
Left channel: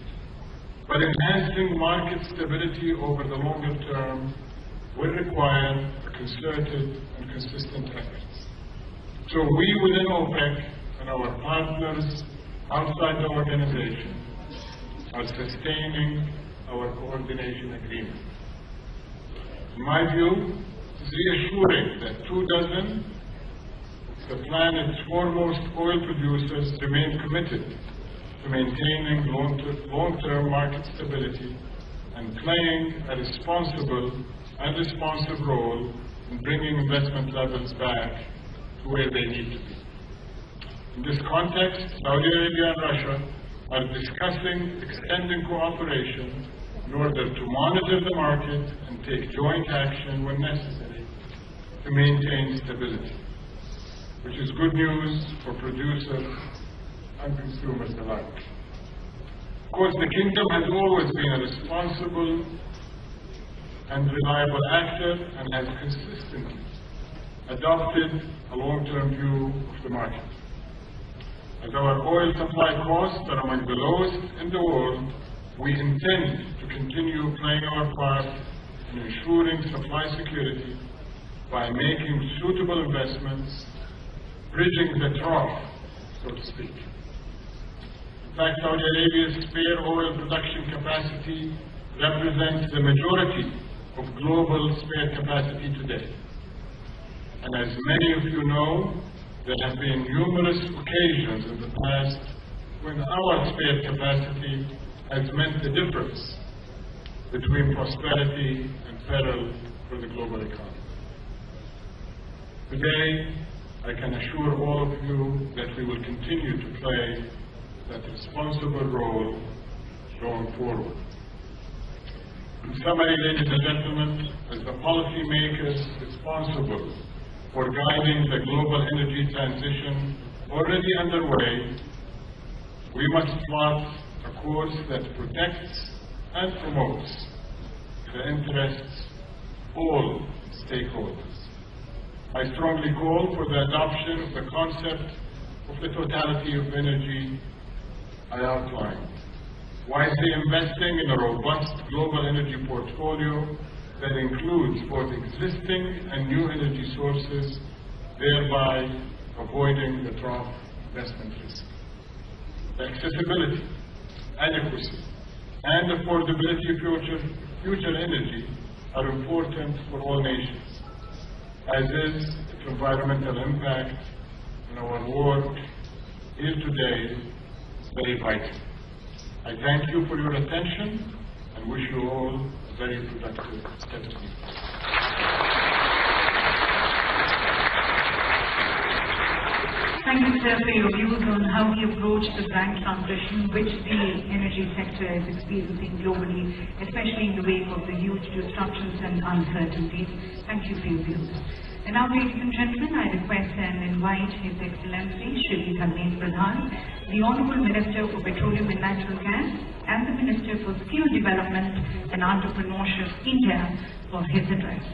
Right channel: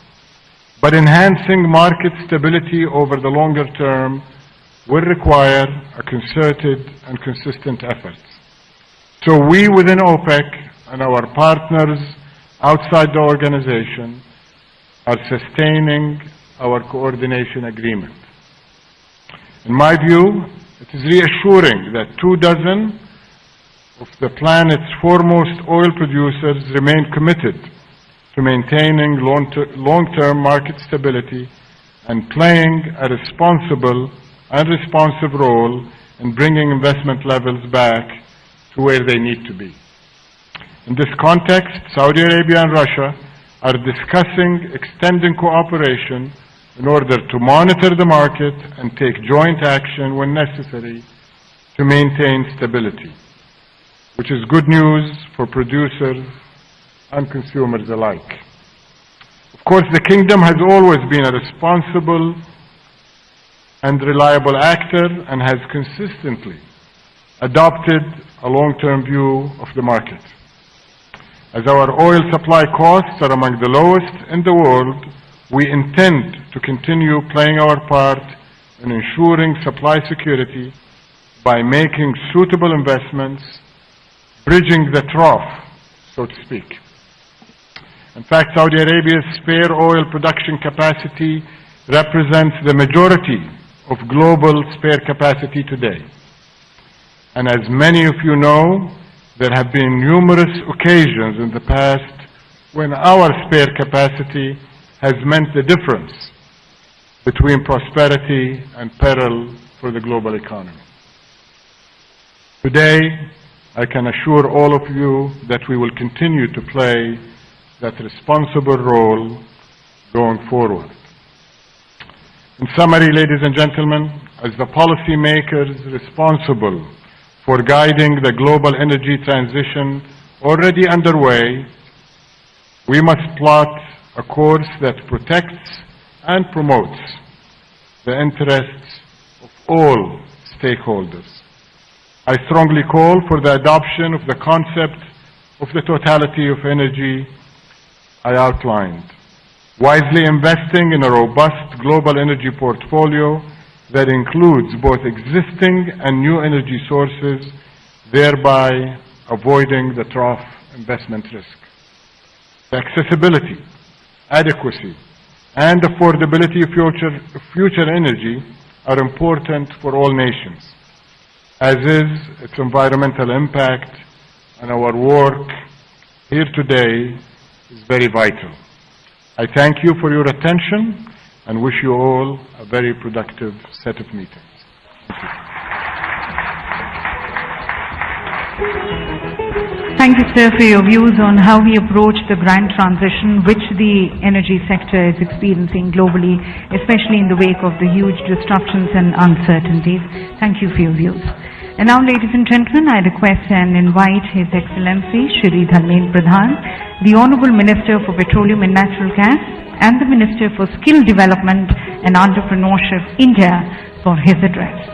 But enhancing market stability over the longer term will require a concerted and consistent effort. So we within OPEC and our partners outside the organization are sustaining our coordination agreement. In my view, it is reassuring that 24 of the planet's foremost oil producers remain committed to maintaining long-term market stability and playing a responsible and responsive role in bringing investment levels back to where they need to be. In this context, Saudi Arabia and Russia are discussing extending cooperation in order to monitor the market and take joint action when necessary to maintain stability, which is good news for producers and consumers alike. Of course, the Kingdom has always been a responsible and reliable actor and has consistently adopted a long-term view of the market. As our oil supply costs are among the lowest in the world, we intend to continue playing our part in ensuring supply security by making suitable investments, bridging the trough, so to speak. In fact, Saudi Arabia's spare oil production capacity represents the majority of global spare capacity today. And as many of you know, there have been numerous occasions in the past when our spare capacity has meant the difference between prosperity and peril for the global economy. Today, I can assure all of you that we will continue to play that responsible role going forward. In summary, ladies and gentlemen, as the policymakers responsible for guiding the global energy transition already underway, we must plot a course that protects and promotes the interests of all stakeholders. I strongly call for the adoption of the concept of the totality of energy I outlined, wisely investing in a robust global energy portfolio that includes both existing and new energy sources, thereby avoiding the trough investment risk. The accessibility, adequacy, and affordability of future energy are important for all nations, as is its environmental impact, and our work here today is very vital. I thank you for your attention and wish you all a very productive set of meetings. Thank you, sir, for your views on how we approach the grand transition which the energy sector is experiencing globally, especially in the wake of the huge disruptions and uncertainties. Thank you for your views. And now, ladies and gentlemen, I request and invite His Excellency Shri Narendra Modi, the Honourable Minister for Petroleum and Natural Gas and the Minister for Skill Development and Entrepreneurship, India, for his address.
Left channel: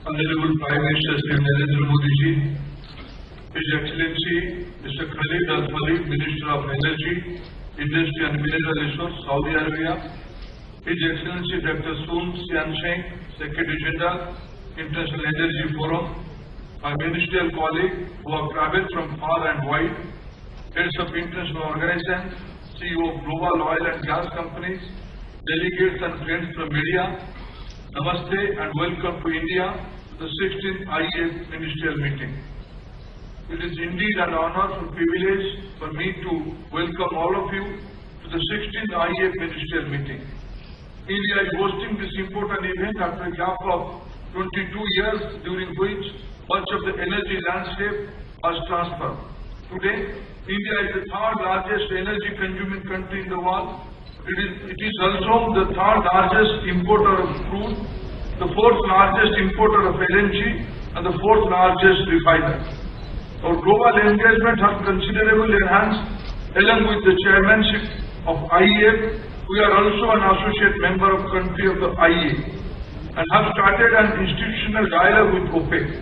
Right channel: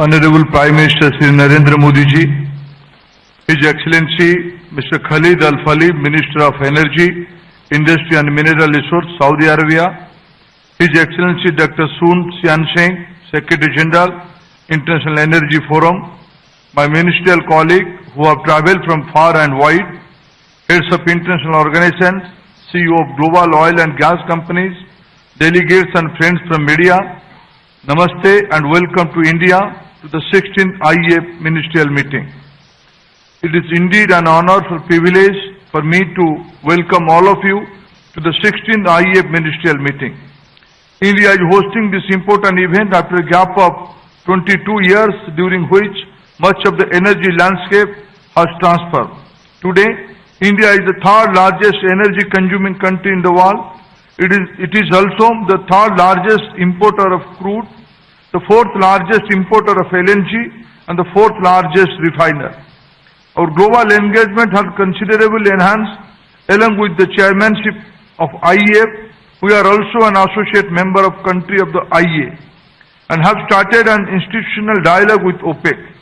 Honorable Prime Minister Shri Narendra Modi ji, His Excellency Mr. Khalid Al Falih, Minister of Energy, Industry and Mineral Resources, Saudi Arabia, His Excellency Dr. Sun Sian-Seng, Secretary General, International Energy Forum, my ministerial colleague who have travelled from far and wide, heads of international organizations, CEO of global oil and gas companies, delegates and friends from media, Namaste and welcome to India to the 16th IEF Ministerial Meeting. It is indeed an honor and privilege for me to welcome all of you to the 16th IEF Ministerial Meeting. India is hosting this important event after a gap of 22 years during which much of the energy landscape has transferred. Today, India is the third largest energy consuming country in the world. It is also the third largest importer of crude, the fourth largest importer of LNG, and the fourth largest refiner. Our global engagement has considerably enhanced. Along with the chairmanship of IEF, we are also an associate member of country of the IEA and have started an institutional dialogue with OPEC.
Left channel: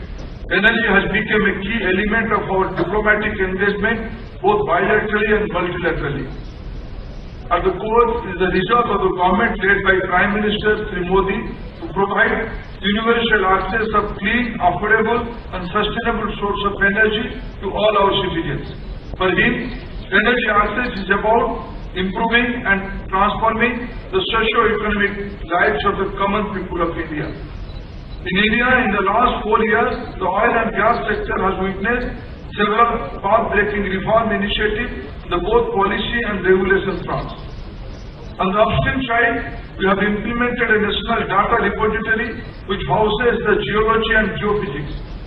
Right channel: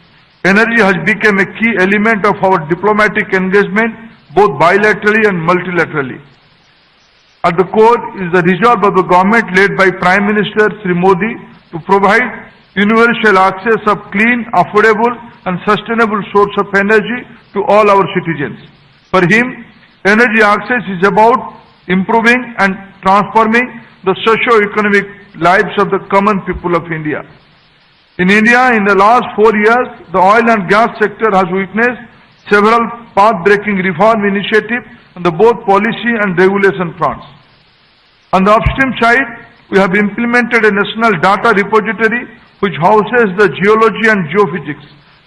Energy has become a key element of our diplomatic engagement, both bilaterally and multilaterally. At the core is the resolve of the government led by Prime Minister Shri Modi to provide universal access of clean, affordable and sustainable source of energy to all our citizens. For him, energy access is about improving and transforming the socio-economic lives of the common people of India. In India, in the last 4 years, the oil and gas sector has witnessed several path-breaking reform initiatives on the both policy and regulation fronts. On the upstream side, we have implemented a national data repository which houses the geology and geophysics,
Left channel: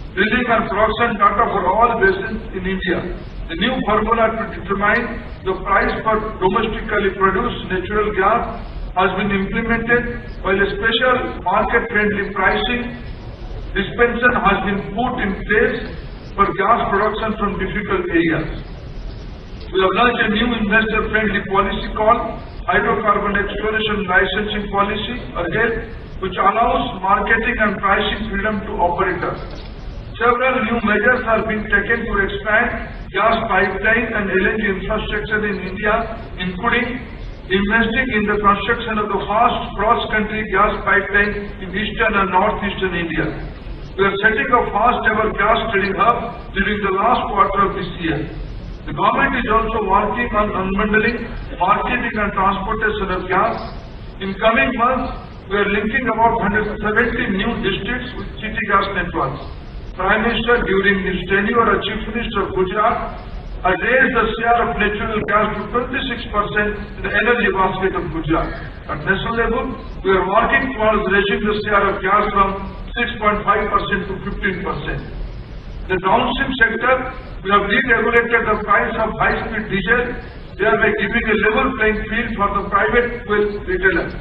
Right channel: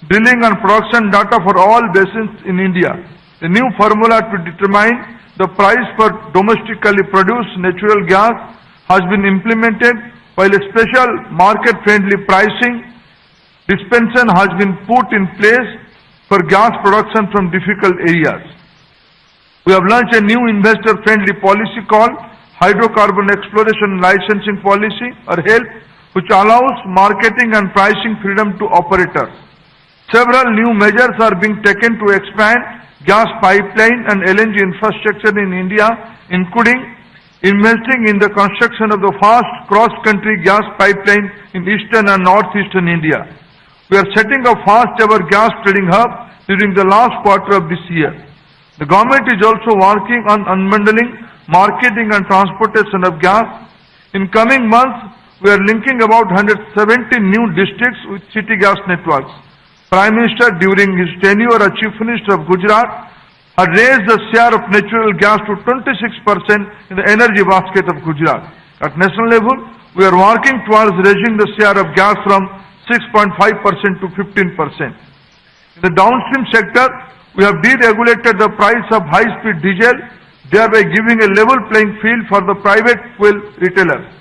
drilling and production data for all basins in India. The new formula to determine the price for domestically produced natural gas has been implemented, while a special market-friendly pricing dispensation has been put in place for gas production from difficult areas. We have launched a new investor-friendly policy called Hydrocarbon Exploration Licensing Policy, or HELP, which allows marketing and pricing freedom to operators. Several new measures are being taken to expand gas pipeline and LNG infrastructure in India, including investing in the construction of the fast cross-country gas pipeline in eastern and northeastern India. We are setting up fast-ever gas trading hub during the last quarter of this year. The government is also working on unbundling marketing and transportation of gas. In coming months, we are linking about 170 new districts with city gas networks. Prime Minister, during his tenure as Chief Minister of Gujarat, had raised the share of natural gas to 26% in the energy basket of Gujarat. At national level, we are working towards raising the share of gas from 6.5% to 15%. In the downstream sector, we have deregulated the price of high-speed diesel, thereby giving a level playing field for the private fuel retailers.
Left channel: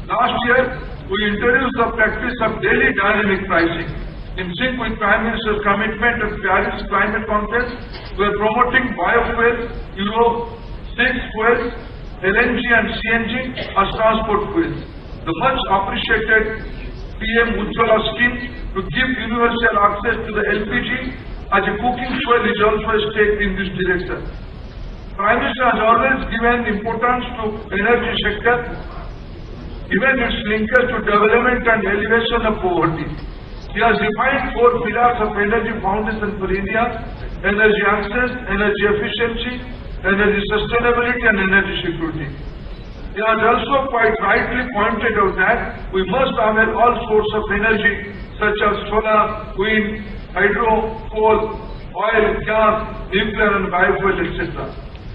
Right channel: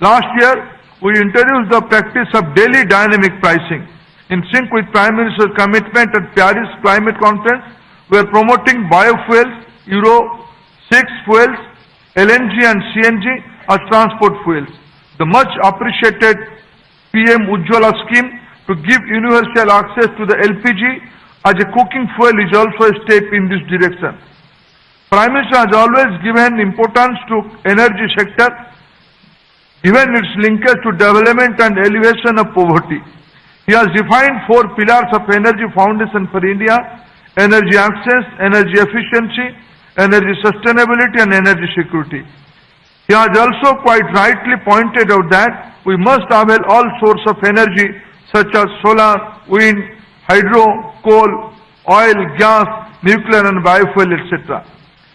Last year, we introduced the practice of daily dynamic pricing. In sync with Prime Minister's commitment at Paris Climate Conference, we are promoting biofuel, Euro 6 fuels, LNG and CNG as transport fuels. The much appreciated PM Ujjwala scheme to give universal access to the LPG as a cooking fuel is also a step in this direction. Prime Minister has always given importance to energy sector, given its linkage to development and elevation of poverty. He has defined 4 pillars of energy foundation for India: energy access, energy efficiency, energy sustainability and energy security. He has also quite rightly pointed out that we must avail all sources of energy such as solar, wind, hydro, coal, oil, gas, nuclear and biofuel, etc.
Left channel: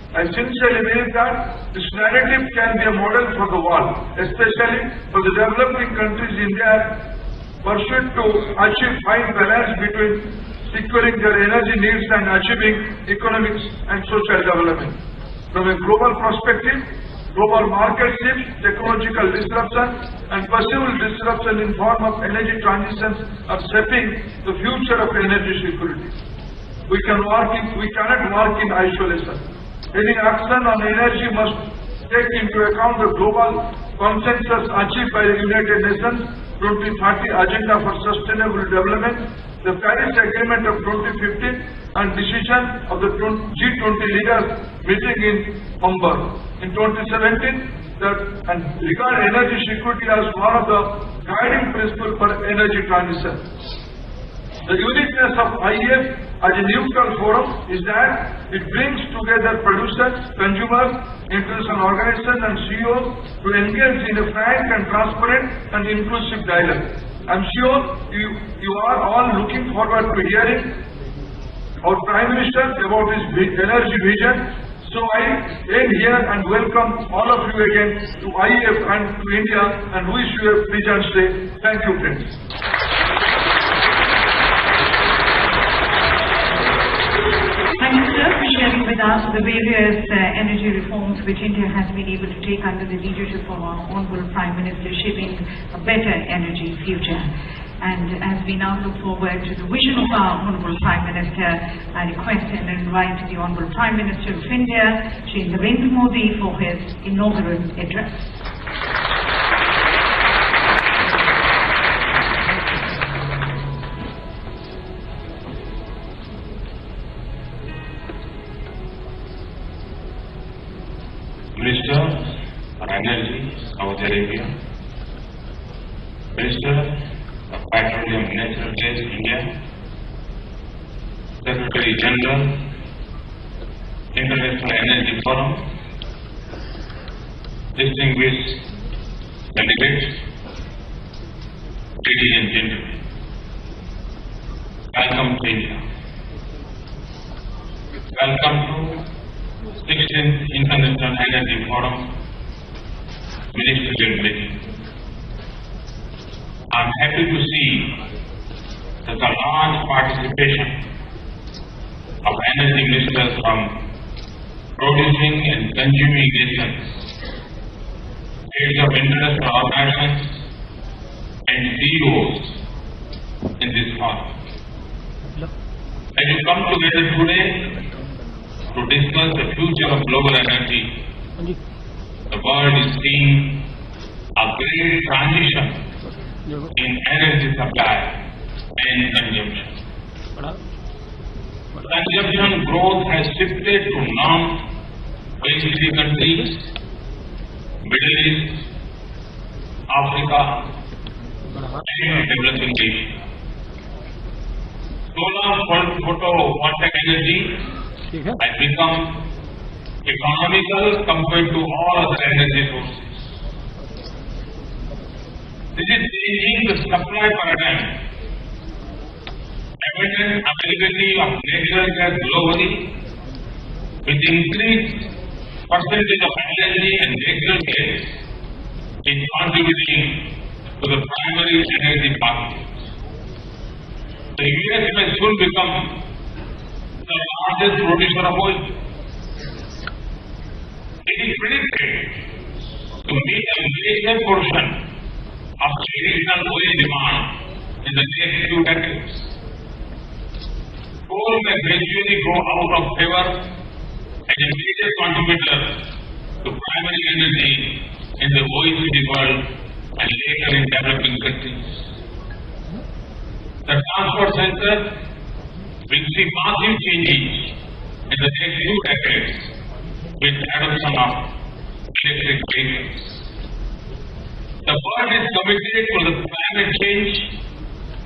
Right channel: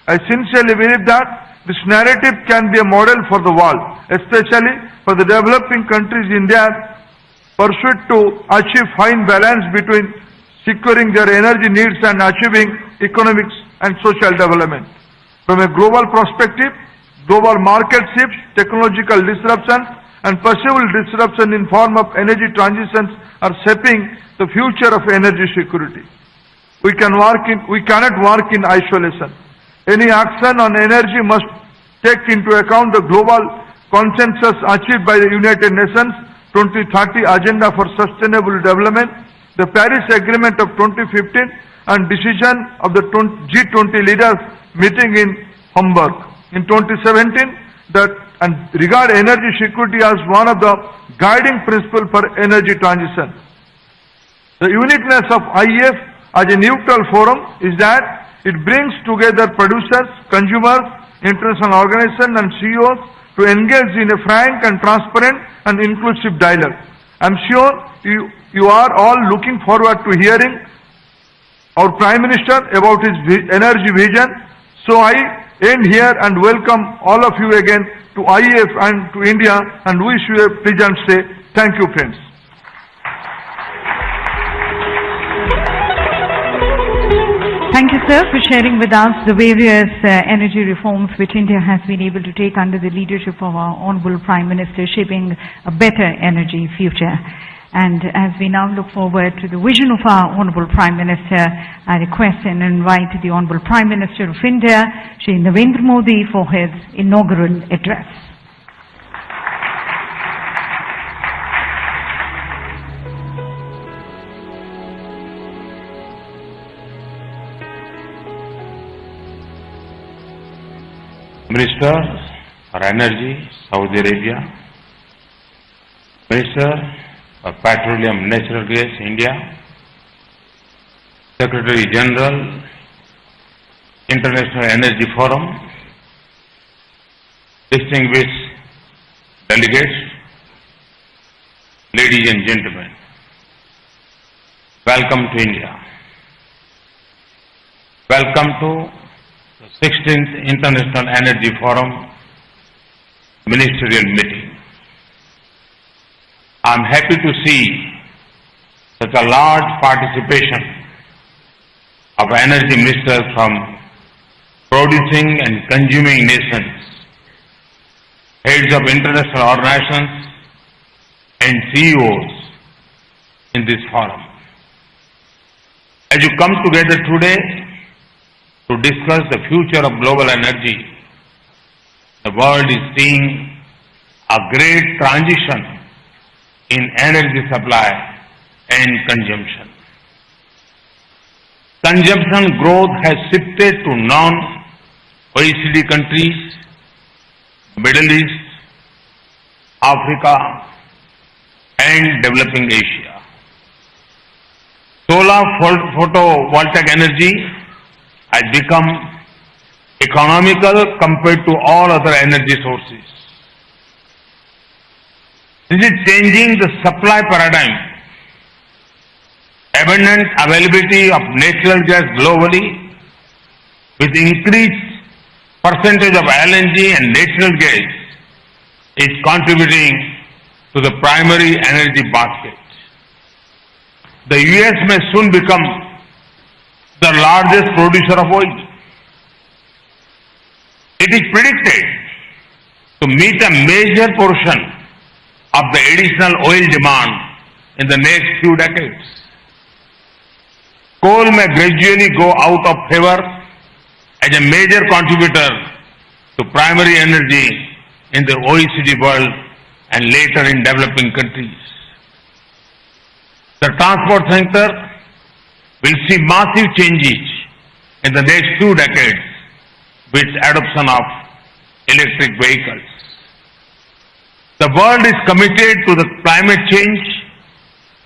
I sincerely believe that this narrative can be a model for the world, especially for the developing countries in their pursuit to achieve fine balance between securing their energy needs and achieving economic and social development. From a global perspective, global market shifts, technological disruption and possible disruption in form of energy transitions are shaping the future of energy security. We cannot work in isolation. Any action on energy must take into account the global consensus achieved by the United Nations 2030 Agenda for Sustainable Development, the Paris Agreement of 2015 and decision of the G20 leaders meeting in Hamburg in 2017 and regard energy security as one of the guiding principles for energy transition. The uniqueness of IEF as a neutral forum is that it brings together producers, consumers, international organizations and CEOs to engage in a frank and transparent and inclusive dialogue. I am sure you are all looking forward to hearing our Prime Minister about his energy vision. So I end here and welcome all of you again to IEF and to India and wish you a pleasant stay. Thank you, friends. Thank you, sir, for sharing with us the various energy reforms which India has been able to take under the leadership of our Honorable Prime Minister, shaping a better energy future. And as we now look forward to the vision of our Honorable Prime Minister, I request and invite the Honorable Prime Minister of India, Shri Narendra Modi, for his inaugural address. Minister for Energy, Saudi Arabia. Minister of Petroleum, Natural Gas, India. Secretary General, International Energy Forum. Distinguished delegates, ladies and gentlemen, welcome to India. Welcome to 16th International Energy Forum Ministerial Meeting. I am happy to see such a large participation of energy ministers from producing and consuming nations, heads of international organizations and CEOs in this forum. As you come together today to discuss the future of global energy, the world is seeing a great transition in energy supply and consumption. Consumption growth has shifted to non-OECD countries, Middle East, Africa, and developing Asia. Solar photovoltaic energy has become economical compared to all other energy sources. This is changing the supply paradigm. Abundant availability of natural gas globally with increased percentage of LNG and natural gas, is contributing to the primary energy basket. The US may soon become the largest producer of oil. It is predicted to meet a major portion of the additional oil demand in the next few decades. Coal may gradually go out of favor as a major contributor to primary energy in the OECD world and later in developing countries. The transport sector will see massive changes in the next few decades with adoption of electric vehicles. The world is committed to the climate change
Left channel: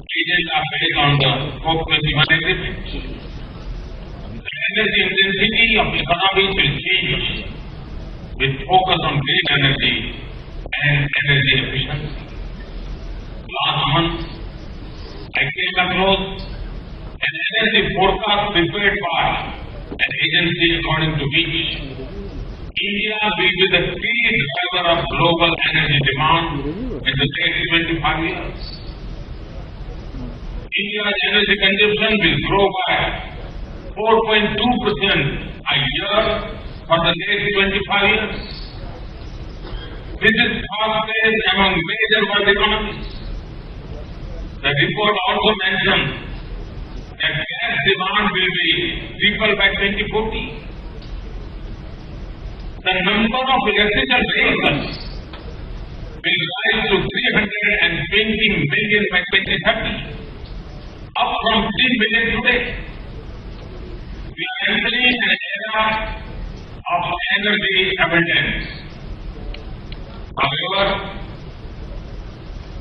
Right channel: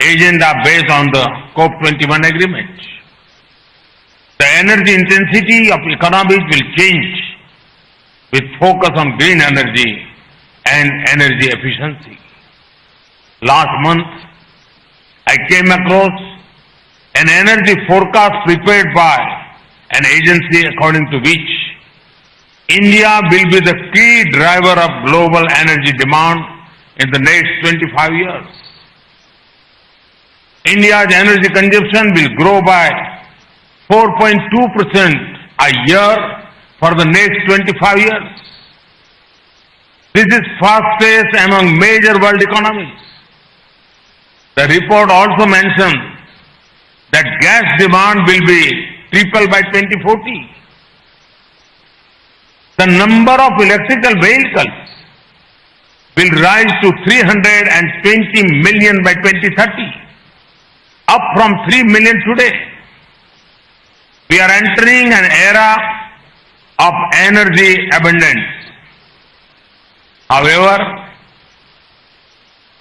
agenda based on the COP21 agreement. The energy intensity of economies will change with focus on green energy and energy efficiency. Last month, I came across an energy forecast prepared by an agency according to which India will be the key driver of global energy demand in the next 25 years. India's energy consumption will grow by 4.2% a year for the next 25 years. This is fastest among major world economies. The report also mentioned that gas demand will be triple by 2040. The number of electrical vehicles will rise to 320 million by 2030, up from 3 million today. We are entering an era of energy abundance. However,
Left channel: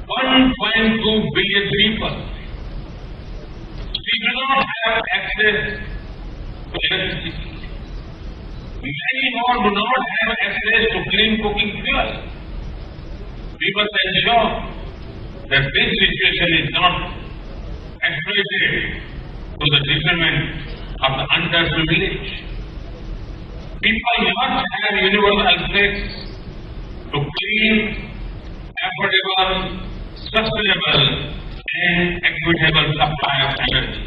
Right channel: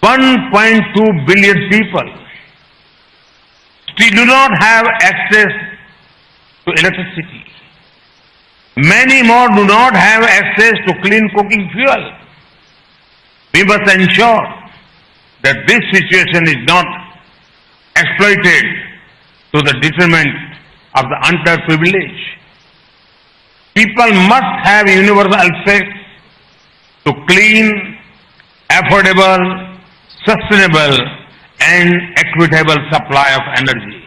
1.2 billion people still do not have access to electricity. Many more do not have access to clean cooking fuel. We must ensure that this situation is not exploited to the detriment of the underprivileged. People must have universal access to clean, affordable, sustainable and equitable supply of energy.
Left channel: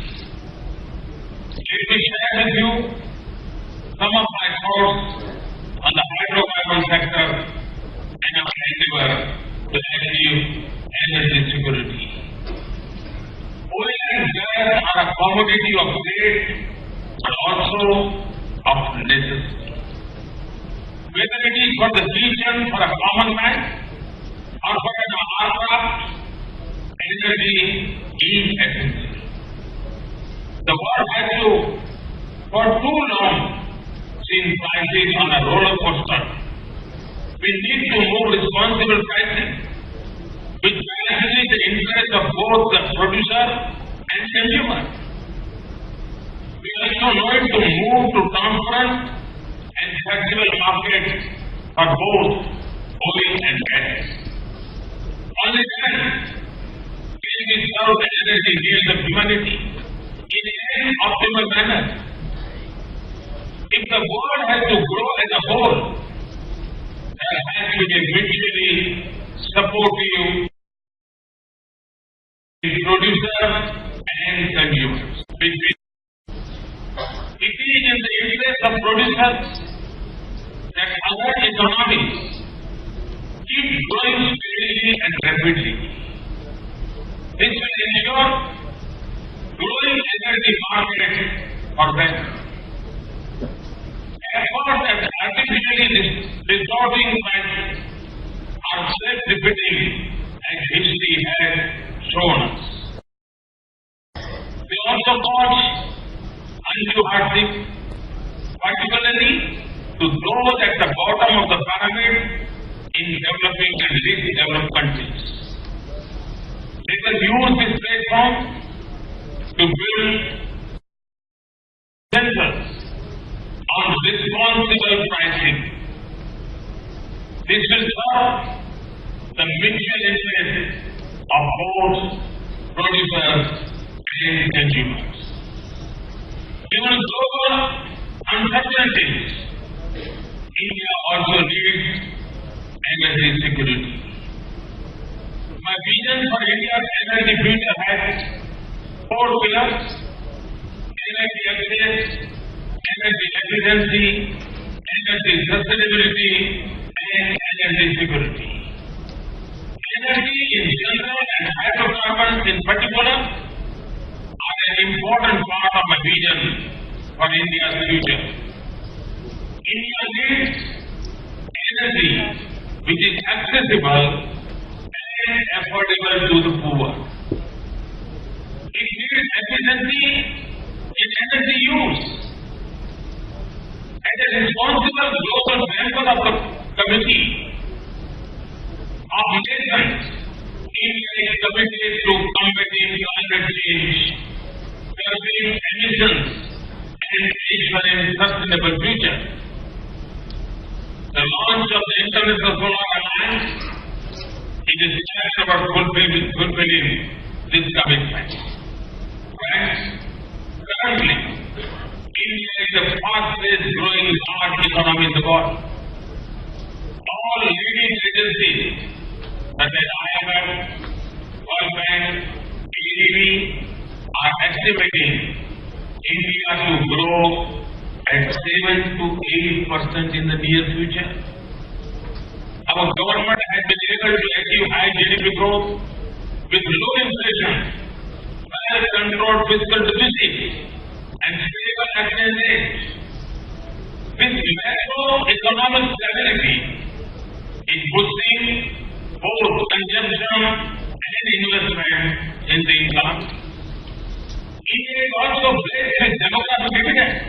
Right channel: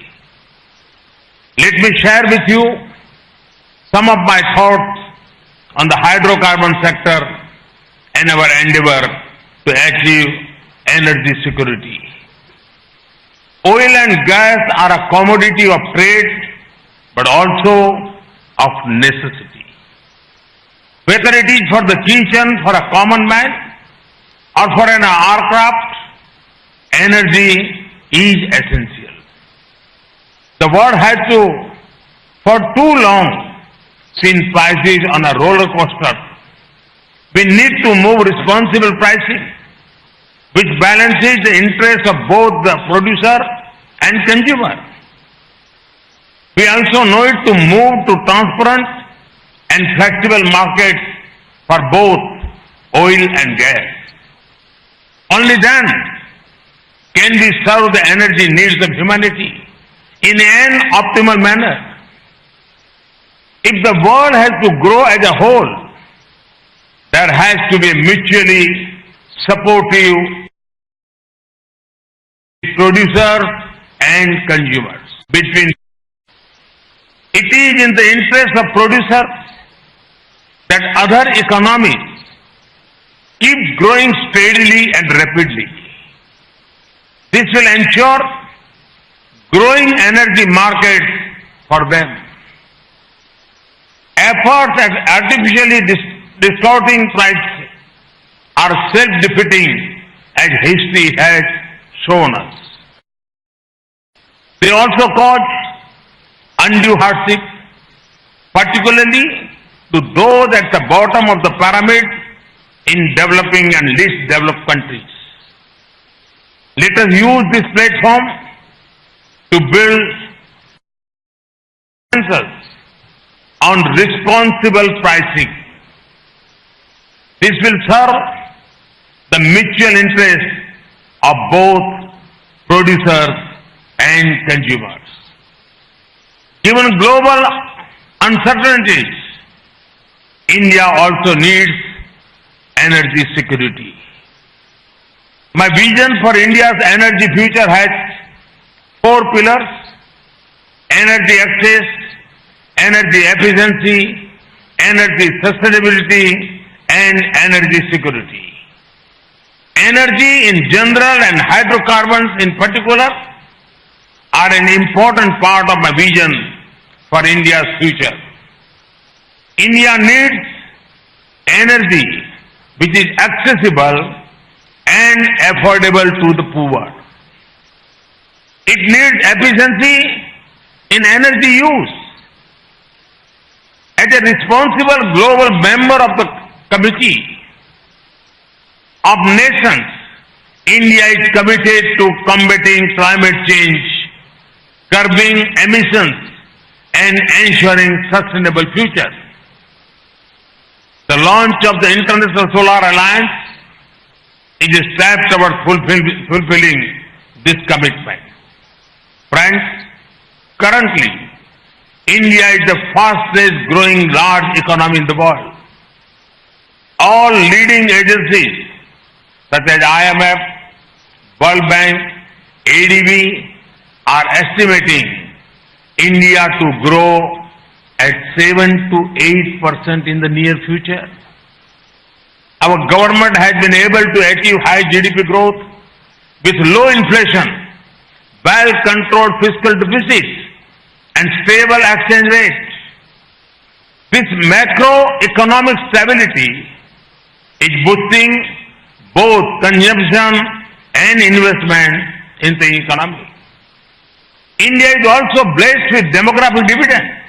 Let me share with you some of my thoughts on the hydrocarbon sector and our endeavor to achieve energy security. Oil and gas are a commodity of trade, but also of necessity. Whether it is for the kitchen, for a common man, or for an aircraft, energy is essential. The world has for too long, seen prices on a roller coaster. We need to move responsible pricing, which balances the interests of both the producer and consumer. We also need to move to transparent and flexible markets for both oil and gas. Only then can we serve the energy needs of humanity in an optimal manner. If the world has to grow as a whole, there has to be mutually supportive producers and consumers. It is in the interest of producers that other economies keep growing steadily and rapidly. This will ensure growing energy markets for them. Efforts at artificially distorting prices are self-defeating, as history has shown us. They also cause undue hardship, particularly to those at the bottom of the pyramid in developing and least developed countries. Let us use this platform to build consensus on responsible pricing. This will serve the mutual interest of both producers and consumers. Given global uncertainties, India also needs energy security. My vision for India's energy future has 4 pillars: energy access, energy efficiency, energy sustainability, and energy security. Energy in general and hydrocarbons in particular are an important part of my vision for India's future. India needs energy which is accessible and affordable to the poor. It needs efficiency in energy use. As a responsible global member of the Committee of Nations, India is committed to combating climate change, curbing emissions, and ensuring sustainable future. The launch of the International Solar Alliance is a step towards fulfilling this commitment. Friends, currently, India is the fastest growing large economy in the world. All leading agencies such as IMF, World Bank, ADB are estimating India to grow at 7 to 8% in the near future. Our government has been able to achieve high GDP growth with low inflation, well-controlled fiscal deficits, and stable exchange rates. This macroeconomic stability is boosting both consumption and investment in the economy. India is also blessed with demographic dividends.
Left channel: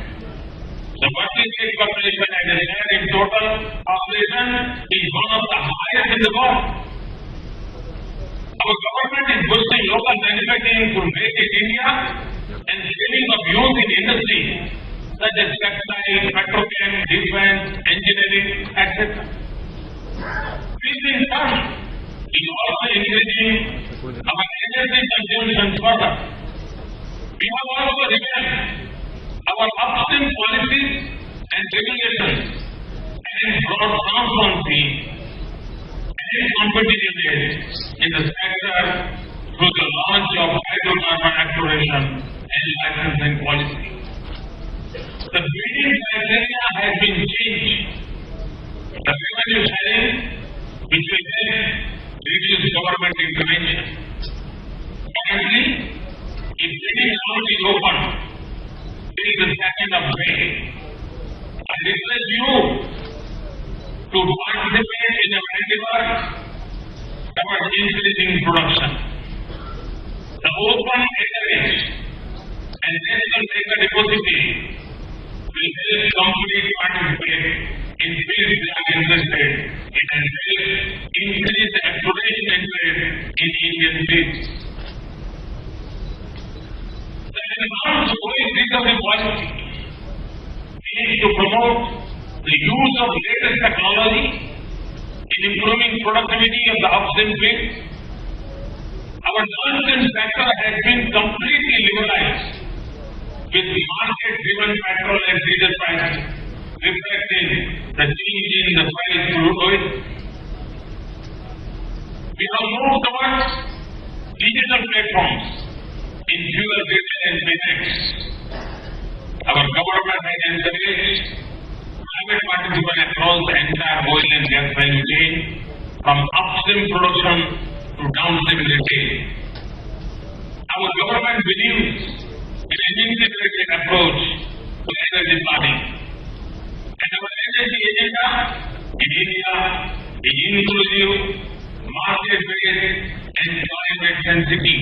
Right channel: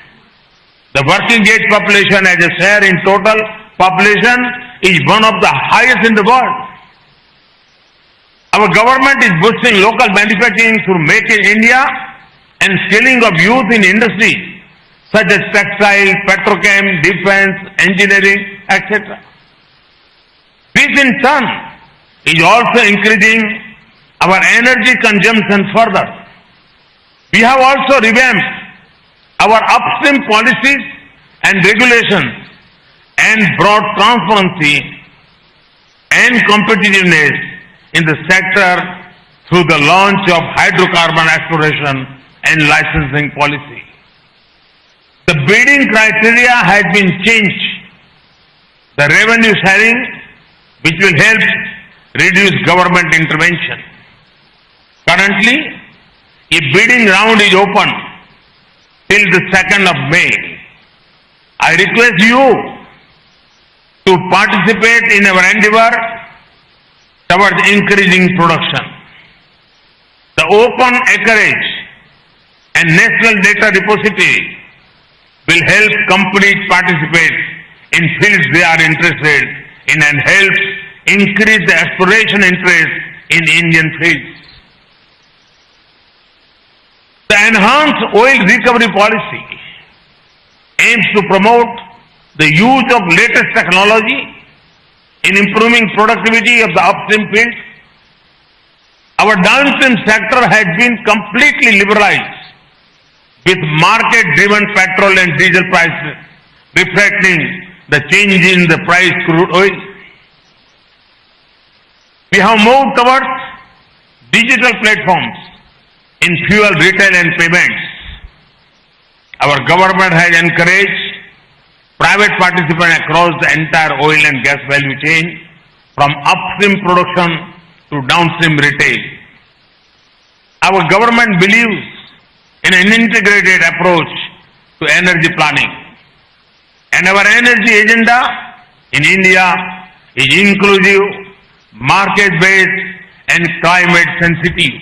The working age population as a share in total population is one of the highest in the world. Our government is boosting local manufacturing through Make in India and scaling of youth in industry such as textile, petrochem, defense, engineering, etc. This in turn is also increasing our energy consumption further. We have also revamped our upstream policies and regulations and brought transparency and competitiveness in the sector through the launch of hydrocarbon exploration and licensing policy. The bidding criteria has been changed. The revenue sharing, which will help reduce government intervention. Currently, a bidding round is open till the 2nd of May. I request you to participate in our endeavor towards increasing production. The open acreage and national data repository will help companies participate in fields they are interested in and help increase the exploration interest in Indian fields. The enhanced oil recovery policy aims to promote the use of latest technology in improving productivity of the upstream field. Our downstream sector has been completely liberalized with market-driven petrol and diesel prices reflecting the change in the price of crude oil. We have moved towards digital platforms in fuel retail and payments. Our government has encouraged private participation across the entire oil and gas value chain from upstream production to downstream retail. Our government believes in an integrated approach to energy planning. And our energy agenda in India is inclusive, market-based and climate-sensitive.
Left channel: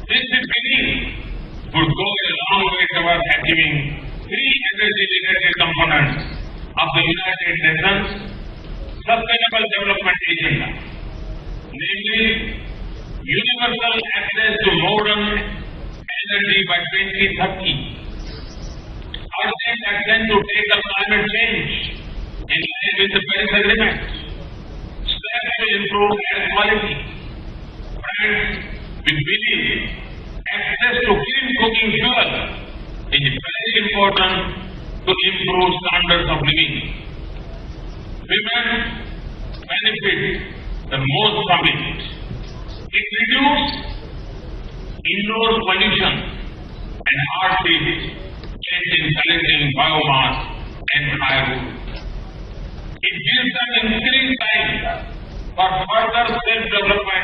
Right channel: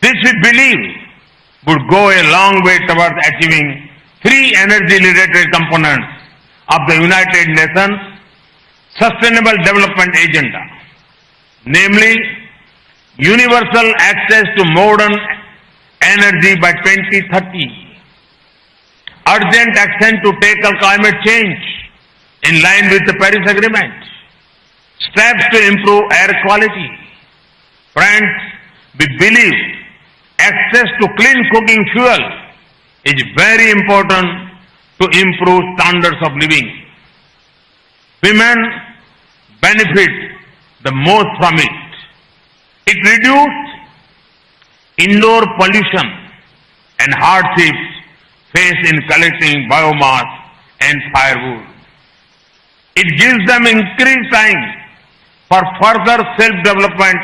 This, we believe, would go a long way towards achieving 3 energy-related components of the United Nations Sustainable Development Agenda, namely universal access to modern energy by 2030, urgent action to tackle climate change in line with the Paris Agreement, steps to improve air quality. Friends, we believe access to clean cooking fuel is very important to improve standards of living. Women benefit the most from it. It reduces indoor pollution and hardships faced in collecting biomass and firewood. It gives them increased time for further self-development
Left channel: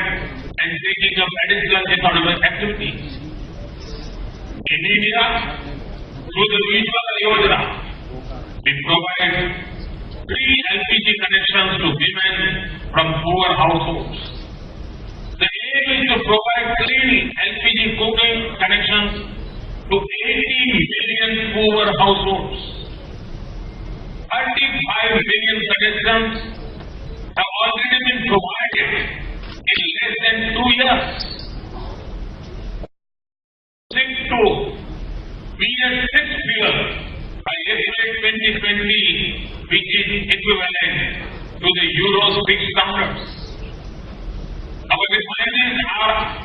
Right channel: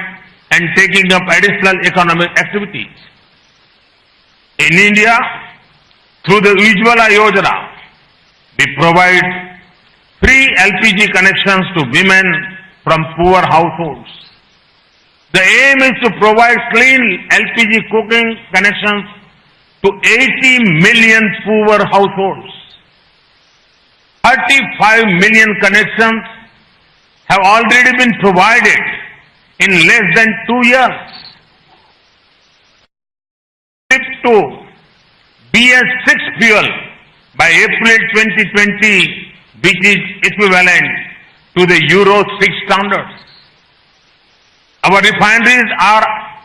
and taking up additional economic activities. In India, through the Ujjwala Yojana, we provide free LPG connections to women from poor households. The aim is to provide clean LPG cooking connections to 80 million poor households. 35 million connections have already been provided in less than 2 years. To BS6 fuel by April 2020, which is equivalent to the Euro 6 standards. Our refineries are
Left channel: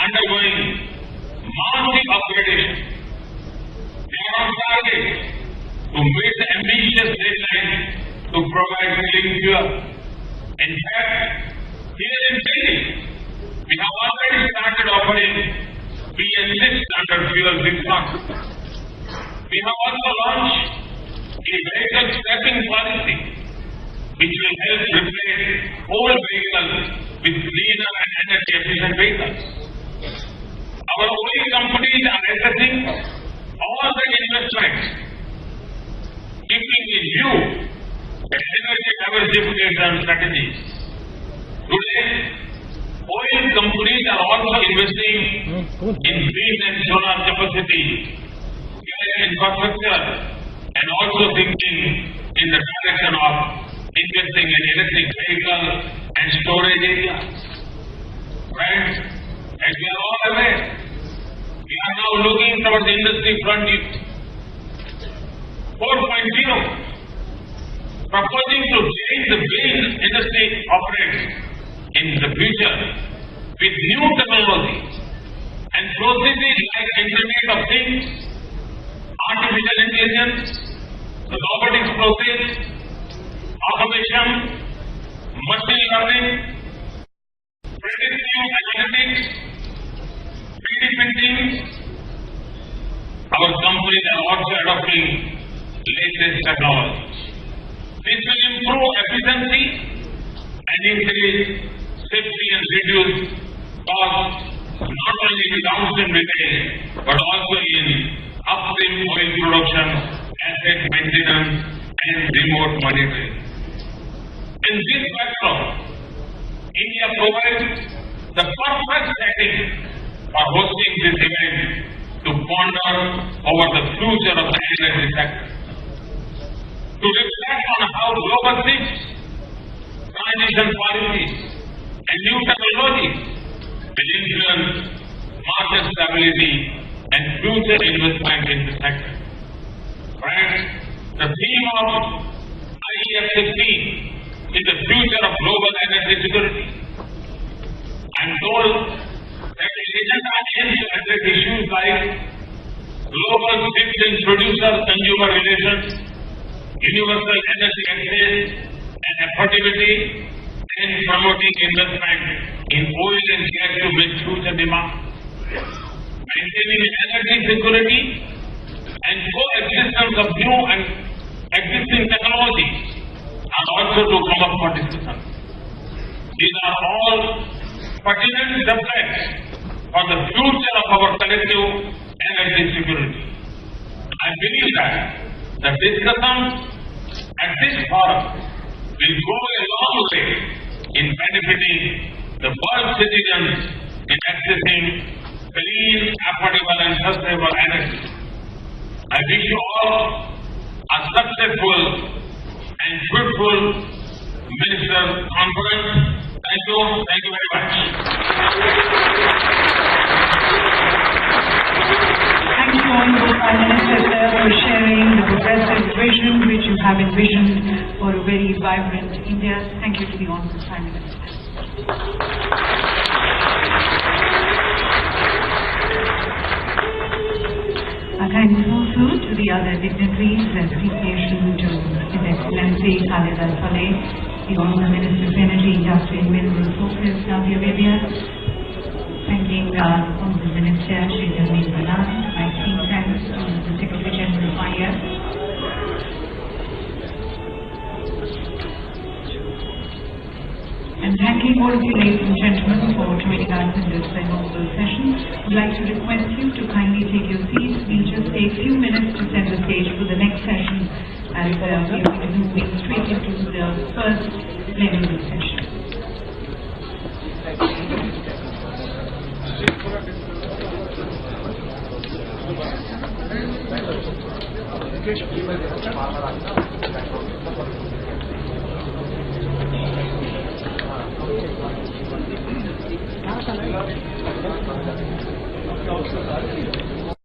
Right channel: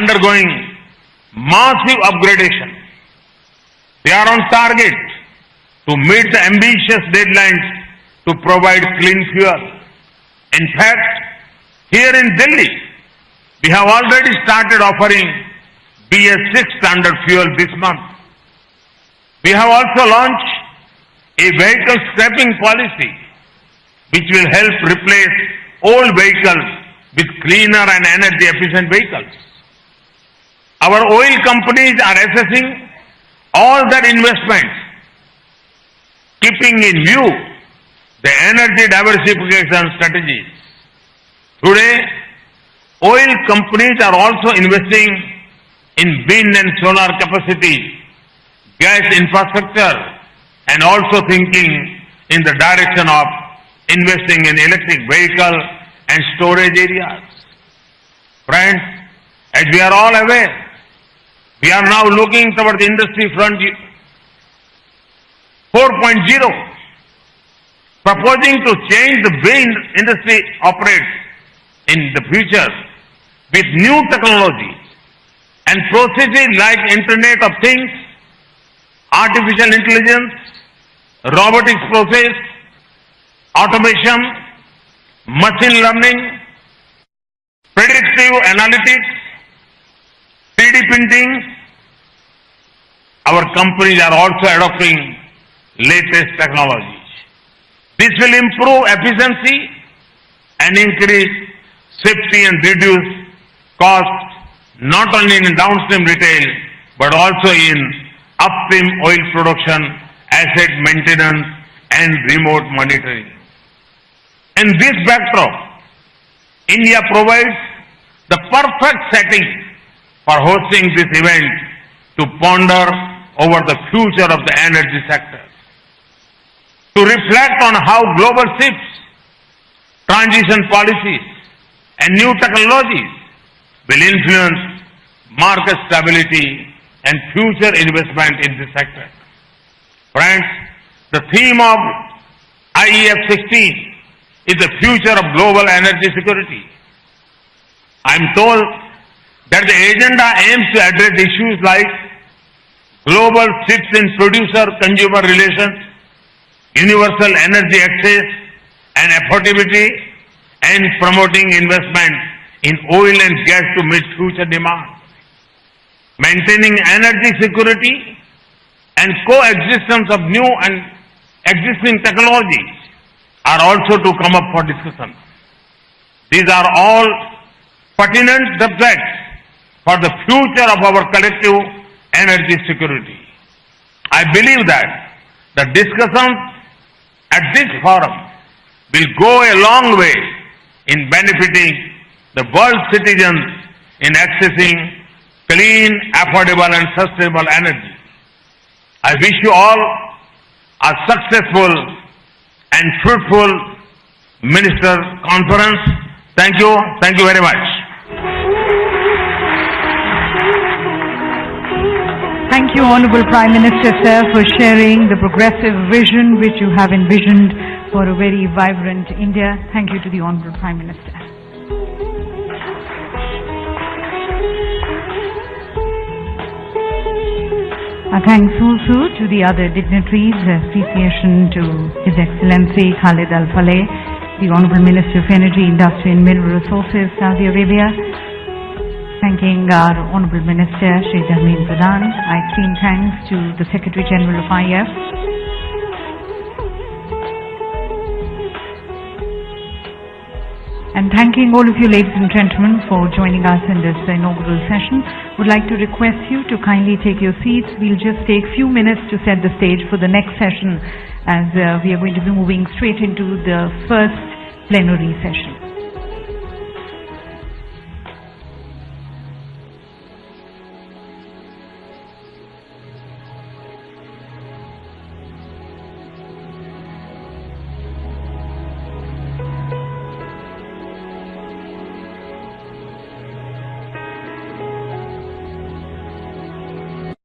undergoing massive upgradation. They are on target to meet the ambitious deadlines to provide clean fuel. In fact, here in Delhi, we have already started offering BS6 standard fuel this month. We have also launched a vehicle scrapping policy which will help replace old vehicles with cleaner and energy efficient vehicles. Our oil companies are assessing all their investments, keeping in view the energy diversification strategies. Today, oil companies are also investing in wind and solar capacity, gas infrastructure, and also thinking in the direction of investing in electric vehicle and storage areas. Friends, as we are all aware, we are now looking towards the industry frontier 4.0, proposing to change the way industry operates in the future with new technology and processes like Internet of Things, artificial intelligence, robotics process, automation, machine learning, predictive analytics, 3D printing. Our companies are also adopting latest technologies. This will improve efficiency and increase safety and reduce costs not only in downstream retail but also in upstream oil production, asset maintenance and remote monitoring. In this backdrop, India provides the perfect setting for hosting this event to ponder over the future of the energy sector, to reflect on how global shifts, transition policies and new technologies will influence market stability and future investment in the sector. Friends, the theme of IEF 16 is the future of global energy security. I am told that the agenda aims to address issues like global shifts in producer-consumer relations, universal energy access and affordability, and promoting investment in oil and gas to meet future demand. Maintaining energy security and coexistence of new and existing technologies are also to come up for discussion. These are all pertinent subjects for the future of our collective energy security. I believe that the discussions at this forum will go a long way in benefiting the world's citizens in accessing clean, affordable and sustainable energy. I wish you all a successful and fruitful Minister Conference. Thank you. Thank you very much. Thank you, Honorable Prime Minister, sir, for sharing the progressive vision which you have envisioned for a very vibrant India. Thank you to the Honorable Prime Minister. Our thanks also to the other dignitaries, appreciation to His Excellency Khalid Al-Faleh, the Honorable Minister of Energy, Industry and Mineral Resources, Saudi Arabia. Thanking our Honorable Minister, Shri Narendra Modi. My extreme thanks to the Secretary General of IF. And thanking all of you ladies and gentlemen for joining us in this inaugural session. Would like to request you to kindly take your seats. We'll just take a few minutes to set the stage for the next session, as we are going to be moving straight into the first plenary session.